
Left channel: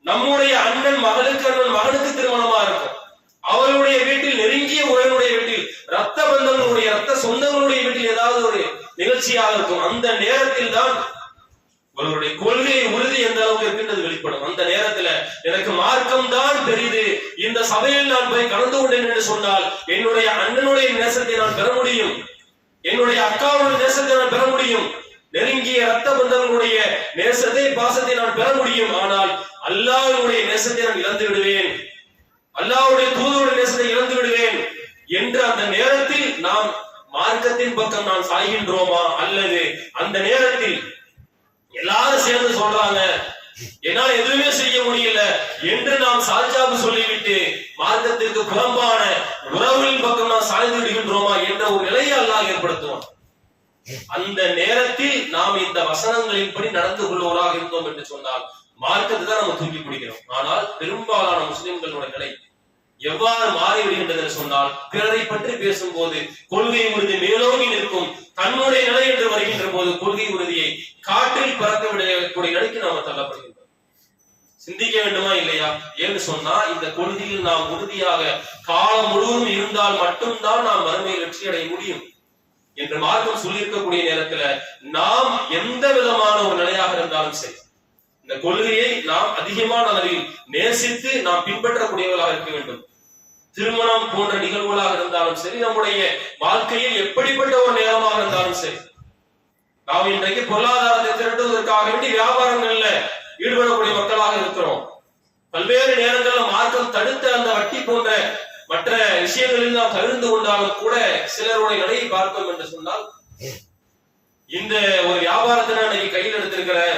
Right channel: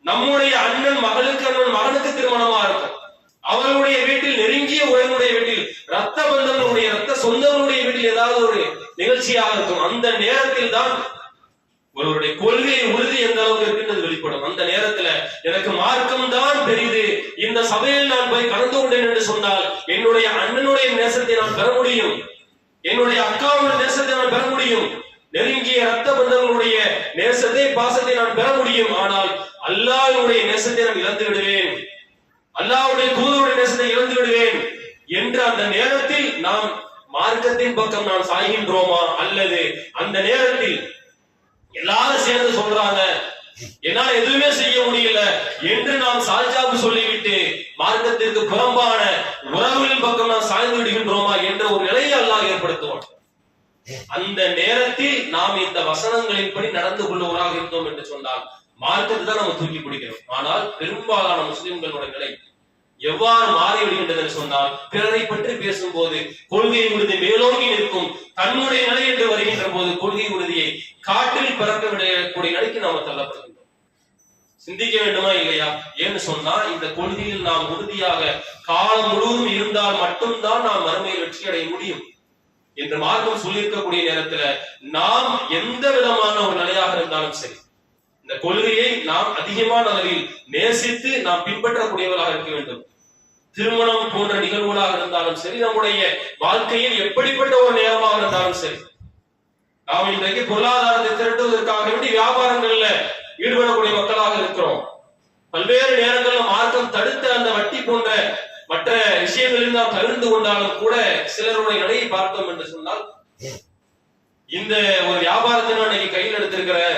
நம்முடைய அண்ணன் மகளுக்கு அண்ணன் மகனுக்கு திருமணமா இருக்கும், அவர்களுடைய வீட்டில் நெருங்கிய உறவினுடைய வீட்டில் ரத்த பந்தங்களுடைய ரத்த சொந்தங்களுடைய வீட்டில் ஏதாவது ஒரு நிகழ்ச்சியாக இருக்கும். அந்த நேரத்தில் தான் ஒருவருடைய கொள்கை உறுதி எந்த அளவுக்கு இருக்கின்றது வெளிப்படும். அந்த நேரத்துல எனக்கு மார்க்கம் தான் பெரிது, இந்த சபையில் நான் போய் கலந்து கொண்டேன் என்று சொன்னால் என்னுடைய அண்ணனுடைய நேசத்தை நான் பெற முடியும், என்னுடைய அக்காவுடைய நேசத்தை நான் பெற முடியும், நெருங்கிய ரத்த பந்தங்களுடைய நேசத்தை பாசத்தை நான் பெற முடியும். ஆனால் அல்லாஹ்வுடைய நேசத்தை நான் இழந்து விடுவேன், அல்லாஹ்வுடைய தூதருடைய நேசத்தை இழந்து விடுவேன் என்று அந்த நேரத்தில் நாம் மார்க்கத்தின் பக்கம் நான் சாய்கின்றோமா, அல்லது அந்த நேரத்தில் எல்லாரும் சேர்ந்து சொல்றாங்க என்னால எதுவுமே செய்ய முடியல என்று நாம் சாஜாபு சொல்லிவிட்டு மார்க்கத்திற்கு புறம்பான உறவுகளின் பக்கம் நாம் சாய்ந்து விடுகின்றோமா என்ற ஒரு நிலையை அல்லாஹ் ஏற்படுத்துவான். அந்த நேரத்தில் நாம் இந்த வசனங்களின்படி நடந்து கொள்வோராக இருந்தோம் என்று சொன்னால் மார்க்கத்தை தான் நம்ம தூக்கி பிடிக்கிறோம். ஆனால் பெரும்பாலான முஸ்லிம்களுடைய நிலை எவ்வாறு மாறிவிடுகின்றது என்று சொன்னால், பிறரை பற்றி பேசும்போது கொள்கை உறுதி மேலோங்கி நிற்கும், தன்னுடைய நிலை என்று வருகின்ற போது கொள்கை உறுதியை காற்றில் பிறக்க விடக்கூடிய நிலைக்கு நாம தள்ளப்படுகின்றோம். சிந்திக்க வேண்டுமா இல்லையா? ஏன்னு சொன்னா இந்த கொள்கையில் நாம் உறுதியாக காலம் முழுவதும் இருந்தால் மட்டும்தான் நாம் மறுமையில் வெற்றி அடைய முடியும் என்று மார்க்கம் சொல்லியிருக்கக்கூடிய நேரத்துல நாம் எந்த விதமான ஒரு நிலையாக இருந்தாலும் சரி இந்த கொள்கையை நாம் அதிகமான அளவில் நேசித்து நாம் பின்பற்றக்கூடியவர்களாக இருக்க வேண்டும். திருமணம் போன்ற நிகழ்வுகளாக இருந்தாலும் சரி, நம்முடைய வாழ்க்கையில் எப்படிப்பட்ட ஒரு நேரமாக இருந்தாலும் சரி, நாம் இன்றைக்கு பொருளாதாரத்தை திரட்டுவதற்காக வேண்டி வியாபாரங்கள்ல ஈடுபடக்கூடிய மக்களாக இருக்கிறோம். பல்வேறு நேரங்களில் மார்க்கம் தடுத்த அந்த வட்டி போன்ற மற்ற விஷயங்களில் நாம் தவிர்த்து கொண்டாலும் கூட சிலருடைய நிலையை பார்த்தோம் என்று சொன்னால், இந்த ஒரு வியாபாரத்தை நான் இன்னைக்கு கையில் எடுத்திருக்கிறேன்,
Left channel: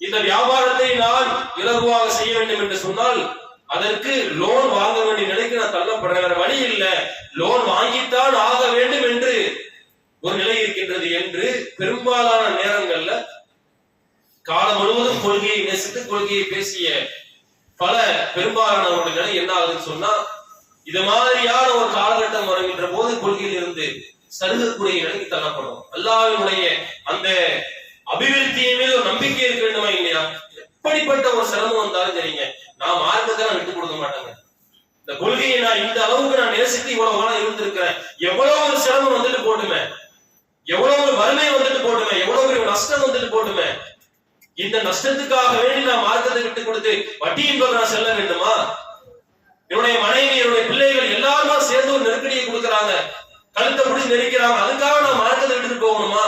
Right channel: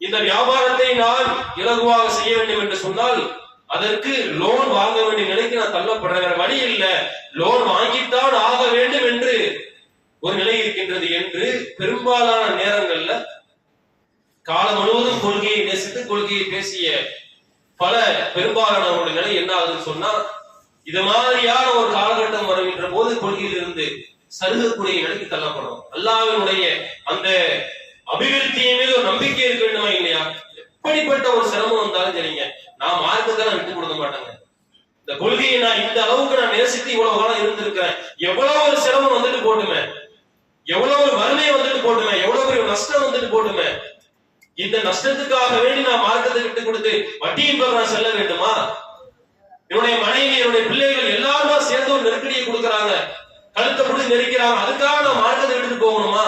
இந்த வியாபாரத்தை நான் இலகுவாக செய்ய வேண்டும் என்று சொன்னால் அதற்கு லோன் வாங்க வேண்டிய நிலைக்கு நான் தள்ளப்படுறேன், வழி இல்லை, லோன் வாங்கித்தான் ஆக வேண்டும் என்று ஒரு நிலை இருக்கின்றது என்று பெரும்பாலான நேரங்கள்ல காலம் முழுவதும் கொள்கையை நேசித்து கொள்கையை பேசிய பல பெரும்பாலானவருடைய நிலை என்ன ஆகுதுன்னு சொன்னா, இது மாதிரியான ஒரு காலகட்டம் வருகின்ற போது கொள்கையில் இருந்து சருகக்கூடிய நிலைக்கு தள்ளப்படும். அல்லாஹ்வினுடைய அந்த அபிவிருத்தியின் மீது ஒரு நம்பிக்கை இருக்க வேண்டுமா இல்லையா? எப்படிப்பட்ட ஒரு சிரமம் வந்தாலும் சரிங்க, நான் மார்க்கத்தை விட்டு கொடுக்க மாட்டேங்க, இந்த கொள்கையை நான் இந்த அளவுக்கு நான் நேசித்து இவ்வளவு காலம் இருந்திருக்கிறேன், எவ்வளவு ஒரு சிரமம் வந்துட்டு போட்டுமே, எவ்வளவு ஒரு வறுமை வந்துட்டு போட்டுமே, எவ்வளவு பெரிய நஷ்டம் வந்துட்டு போட்டுமே, இந்த நஷ்டத்துக்காக வேண்டி நான் மார்க்கத்தை விட்டு கொடுத்து வட்டியின் பக்கம் நான் செல்ல வேண்டுமா? என்னுடைய மனைவி என்னுடைய பிள்ளைகள் எல்லாருமா சேர்ந்து ஒரு நெருக்கடியை கொடுக்கறாங்க, கழுத்தை பிடிச்சி நெரிக்கிறாங்க, அதுக்காக நான் மார்க்கத்தை விட்டுட்டு போகணுமா?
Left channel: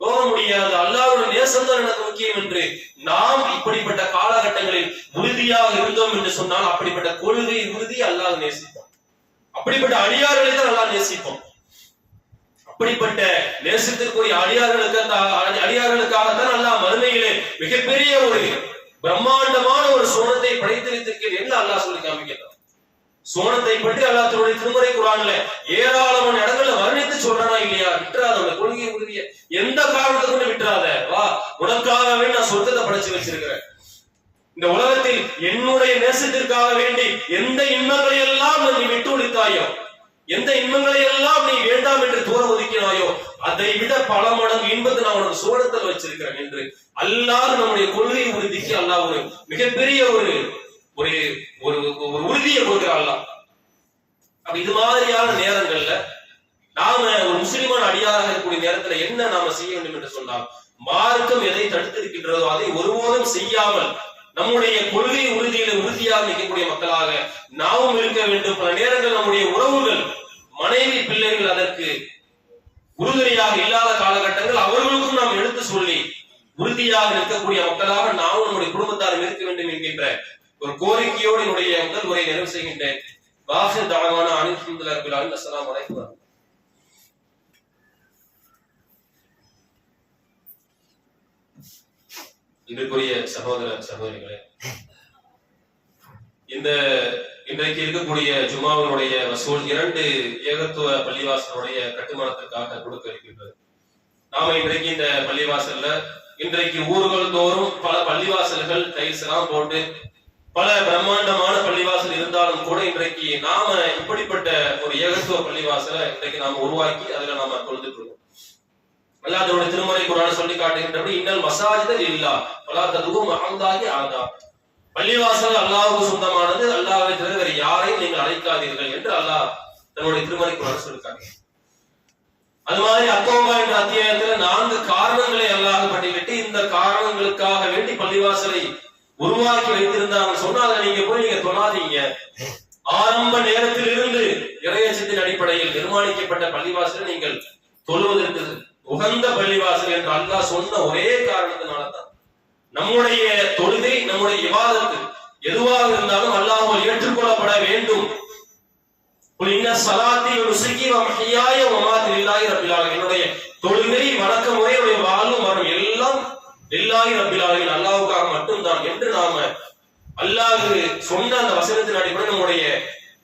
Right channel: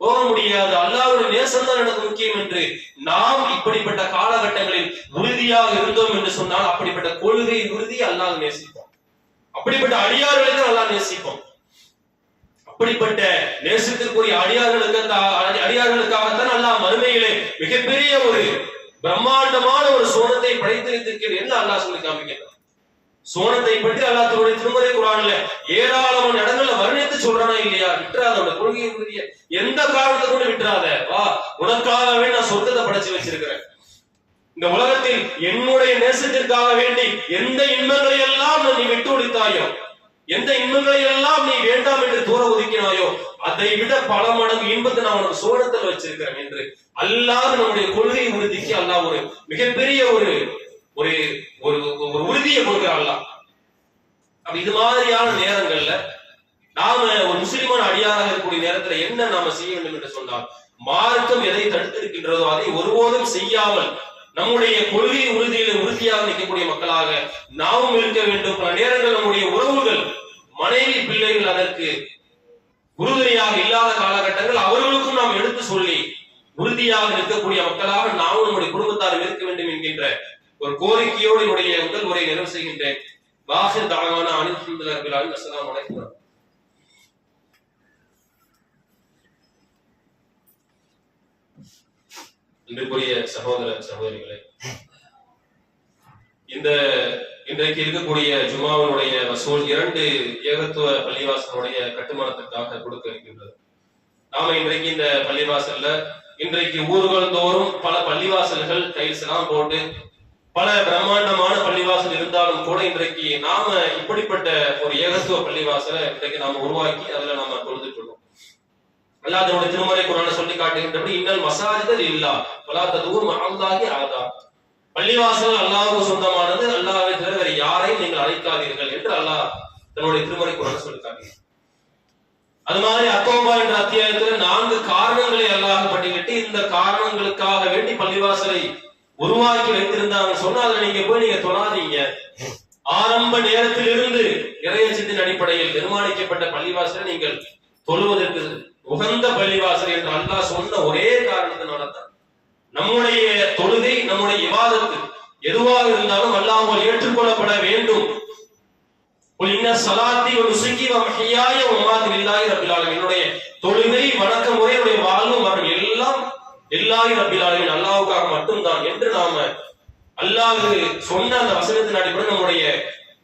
போக முடியாது. அல்லாஹ்வுடைய நேசம் தான் எனக்கு முக்கியம் என்று நாம் இப்படிப்பட்ட காலகட்டங்களில் உறுதியாக இருந்தோம் என்று சொன்னால் அப்படிப்பட்ட கொள்கை உறுதி அல்லாஹ் நேசிப்போம், அப்படிப்பட்ட அடியார்களை தான் அல்லாஹ் நேசிப்போம். அப்படிப்பட்ட நேசத்திற்குரிய அடியார்களுக்காகத்தான் அல்லாஹ் மறுமையிலே மிகப்பெரிய ஒரு பிரம்மாண்டமான ஒரு சோனத்தை படைத்து வைத்திருக்கிறேன் என்று அல்லாஹ் சொல்லி காமிக்கிறார். சோனத்தை பற்றி அல்லாஹ் தன்னுடைய திருமறை குர்ஆன்ல ஏராளமான இடங்கள்ல வர்ணித்து சொல்றானா இல்லையா? விட்டுறாத, அந்த கொள்கையை உறுதிய எந்த காரணத்தை கொண்டு விட்டுறாத, வா உனக்காகவே நான் சொர்க்கத்தை படைச்சு வச்சிருக்கிறேன், இந்த உலகத்தில் என்னுடைய நேசத்திற்காக வேண்டி எந்த இன்பங்களை எல்லாம் நீ விட்டு ஒழித்தாயோ, எந்த இன்பங்களை எல்லாம் நீ வேண்டாம் என்று தூர ஒதுக்கினாயோ, அதை விட பல மடங்கு இன்பத்தை நான் உனக்கு சோனத்தில் வச்சிருக்கிறேன் என்று அல்லாஹ் நம்முடைய கொள்கை உறுதிக்கு அல்லாஹ் ஒரு மிகப்பெரிய ஒரு ஒரு ஒரு உறுதியை கொடுக்கிறாள். அப்ப இது மாதிரியான நேரங்கள்ல நாம ஒரு முஸ்லிமான அடியாராக இருக்கக்கூடிய நேரத்துல என்ன நாம செய்ய வேண்டும் என்று சொன்னால், மார்க்கம் எதை தடுத்திருக்கின்றதோ அதை ஒருபோதும் செய்யாமல் நம்முடைய கொள்கை உறுதியில உறுதியாக நிற்கக்கூடிய மக்களாக நாமும் இருக்க வேண்டும். பல நேரங்கள் நம்முடைய உறவுகள், மனைவி, பிள்ளைகள் அதற்கு உறுதுணையாக இல்லாத காலகட்டங்கள் அவர்களுக்கும் நாம் எடுத்து சொல்லி உறுதியாக இருக்கக்கூடிய மக்களாக நாமும் நம்முடைய குடும்பத்தாரும் இருக்க வேண்டும் என்கின்ற ஒரு கோரிக்கையோடு என்னுடைய முதல் உரை நிறைவு செய்கின்றேன். வாஹிர் தஅவானா அனில் ஹம்துலில்லாஹி ரப்பில் ஆலமீன். அஸ்ஸலாமு அலைக்கும். இன்றைக்குரிய சகோதர சகோதரிகளே, இன்றைக்கு இருக்கக்கூடிய ஜுமாவினுடைய வசூல் 2 ஏகத்துவ பள்ளிவாசலுடைய கட்டுமானத்திற்காக கொடுக்க இருக்கின்றது. நாம இன்றைக்கு இந்த பள்ளிவாசல்ல இன்றைக்கு ஊர்கள் தோறும் பல பள்ளிவாசல்கள் டைல்ஸ் எல்லாம் போட்டு பல பிரம்மாண்டமான பள்ளிவாசல் இருந்தாலும் கூட இன்றைக்கு நாம இப்படிப்பட்ட ஒரு ஏகத்துவ பள்ளிவாசலை இன்றைக்கு நாம உருவாக்கி அதுல நாம தொழுதுட்டு இருக்கோம். அல்லாஹ் அதனுடைய திருமறை குர்ஆன்ல சொல்லி காட்டுகின்றபடி இன்னல் மசாஜித லில்லாஹ் வலா ததுஉ மஅல்லாஹி அஹதா. பள்ளிவாசல் அல்லாஹ்வுக்கு சொந்தமானது, அல்லாஹ்வை தவிர வேறு யாரையும் நீங்கள் அழைக்காதீர்கள் என்று அல்லாஹ் தன்னுடைய திருமறை குர்ஆன்ல சொல்லி காட்டுகிறார். அது மாதிரி அத்தௌபா என்ற அத்தியாயத்துல 4 காரணங்களை அல்லாஹ் பட்டியலிட்டு இந்த காரணங்களுக்காக வேண்டி பள்ளிவாசலை உருவாக்கி வைத்திருந்தாங்க சொன்னா அதை நீங்க போய் நீங்க தொழாதீங்க. ஆரம்ப நேரத்திலிருந்து இறையச்சத்தின் அடிப்படையில் நிர்மாணிக்கப்பட்ட பள்ளிவாசலை நீங்கள் தொழுவதற்கு உகந்த பள்ளிவாசல் என்று அல்லாஹ் சொன்ன ஒரே காரணத்தினால்தான் நம்முடைய தொழுகை, நம்முடைய இபாதத்து எதுவாக இருந்தாலும் அல்லாஹ்வால் ஏற்றுக்கொள்ளப்பட வேண்டும். என்னுடைய தொழுகை, வணக்க முறை, வாழ்வு மரணம் எல்லாம் லில்லாஹி ரப்பில் ஆலமீன் அல்லாஹ்வுக்காக மட்டும்தான் என்று நாம அல்லாஹ் சொன்ன அந்த வசனத்தின் அடிப்படையில் நம்முடைய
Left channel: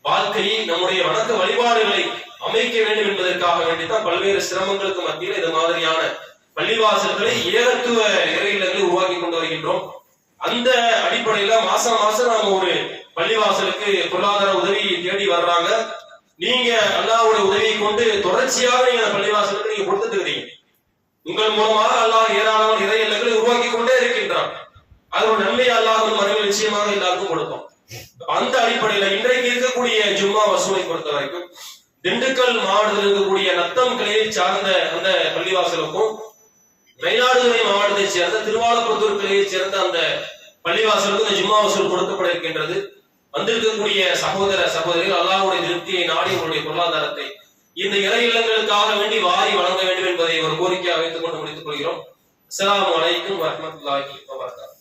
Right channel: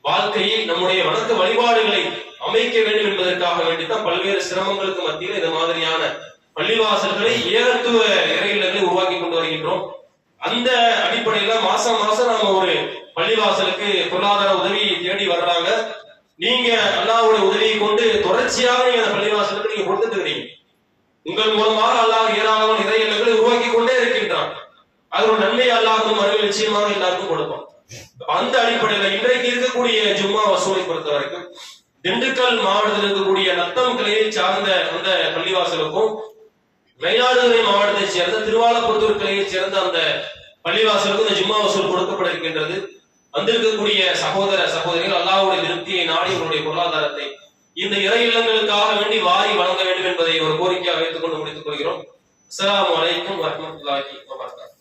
வாழ்க்கையை, நம்முடைய வணக்க வழிபாடுகளை அமைக்க வேண்டும் என்பதற்காக வேண்டித்தான் பல்வேறு சிரமங்களுக்கு மத்தியில் இந்த மாதிரியான பள்ளிவாசல்களை ஏகத்துவ இறை இல்லங்களை உருவாக்கி கொண்டு வருகின்றோம். அந்த அடிப்படையில மாசம் மாசம் நாம ஒரு பள்ளிவாசலுக்கு பொருளாதார உதவி தேடி வர்றாங்க. நீங்க அல்லாஹ்வுடைய உதவியை கொண்டு தொடர்ச்சியாக நீங்க அந்த பள்ளிவாசலுக்கு நீங்க கொடுத்துட்டு இருக்கீங்க. உங்கள் மூலமாக அல்லாஹ் ஏராளமான இறை இல்லங்களை உருவாக்கி கொண்டே இருக்கின்றான். அதோட நன்மை அல்லாஹ் மறுபடியும் நிச்சயமாக எல்லாருக்கும் கொடுப்பான். அந்த அடிப்படையில இன்றைக்கு இருக்கக்கூடிய ஜும்மா வசூலை பொறுத்த வரைக்கும் திண்டுக்கல் மாவட்டத்தில் இருக்கக்கூடிய நத்தம் கிளையை சார்ந்த அந்த பள்ளிவாசலுக்கும் மயிலாடுதுறை மாவட்டத்தை சேர்ந்த திருவாலப்புத்தூர் கிளையை சேர்ந்த அந்த பள்ளிவாசலுக்கும் இந்த ஜும்மா வசூல் கொடுக்கப்பட இருக்கின்றது. வந்திருக்கக்கூடிய சகோதர சகோதரிகள் அல்லாஹ்வுடைய திருப்தியை நாடி உங்களுடைய பொருளாதாரத்தை இந்த இறை இல்லங்களுக்காக வேண்டி வாரி வழங்க வேண்டும் என்பதை ஒரு கோரிக்கையாக வைத்துக் கொண்டு முடித்துக் கொள்கிறோம். அஸ்ஸலாமு அலைக்கும் வரஹ்மத்துல்லாஹி வபரகாத்துஹு.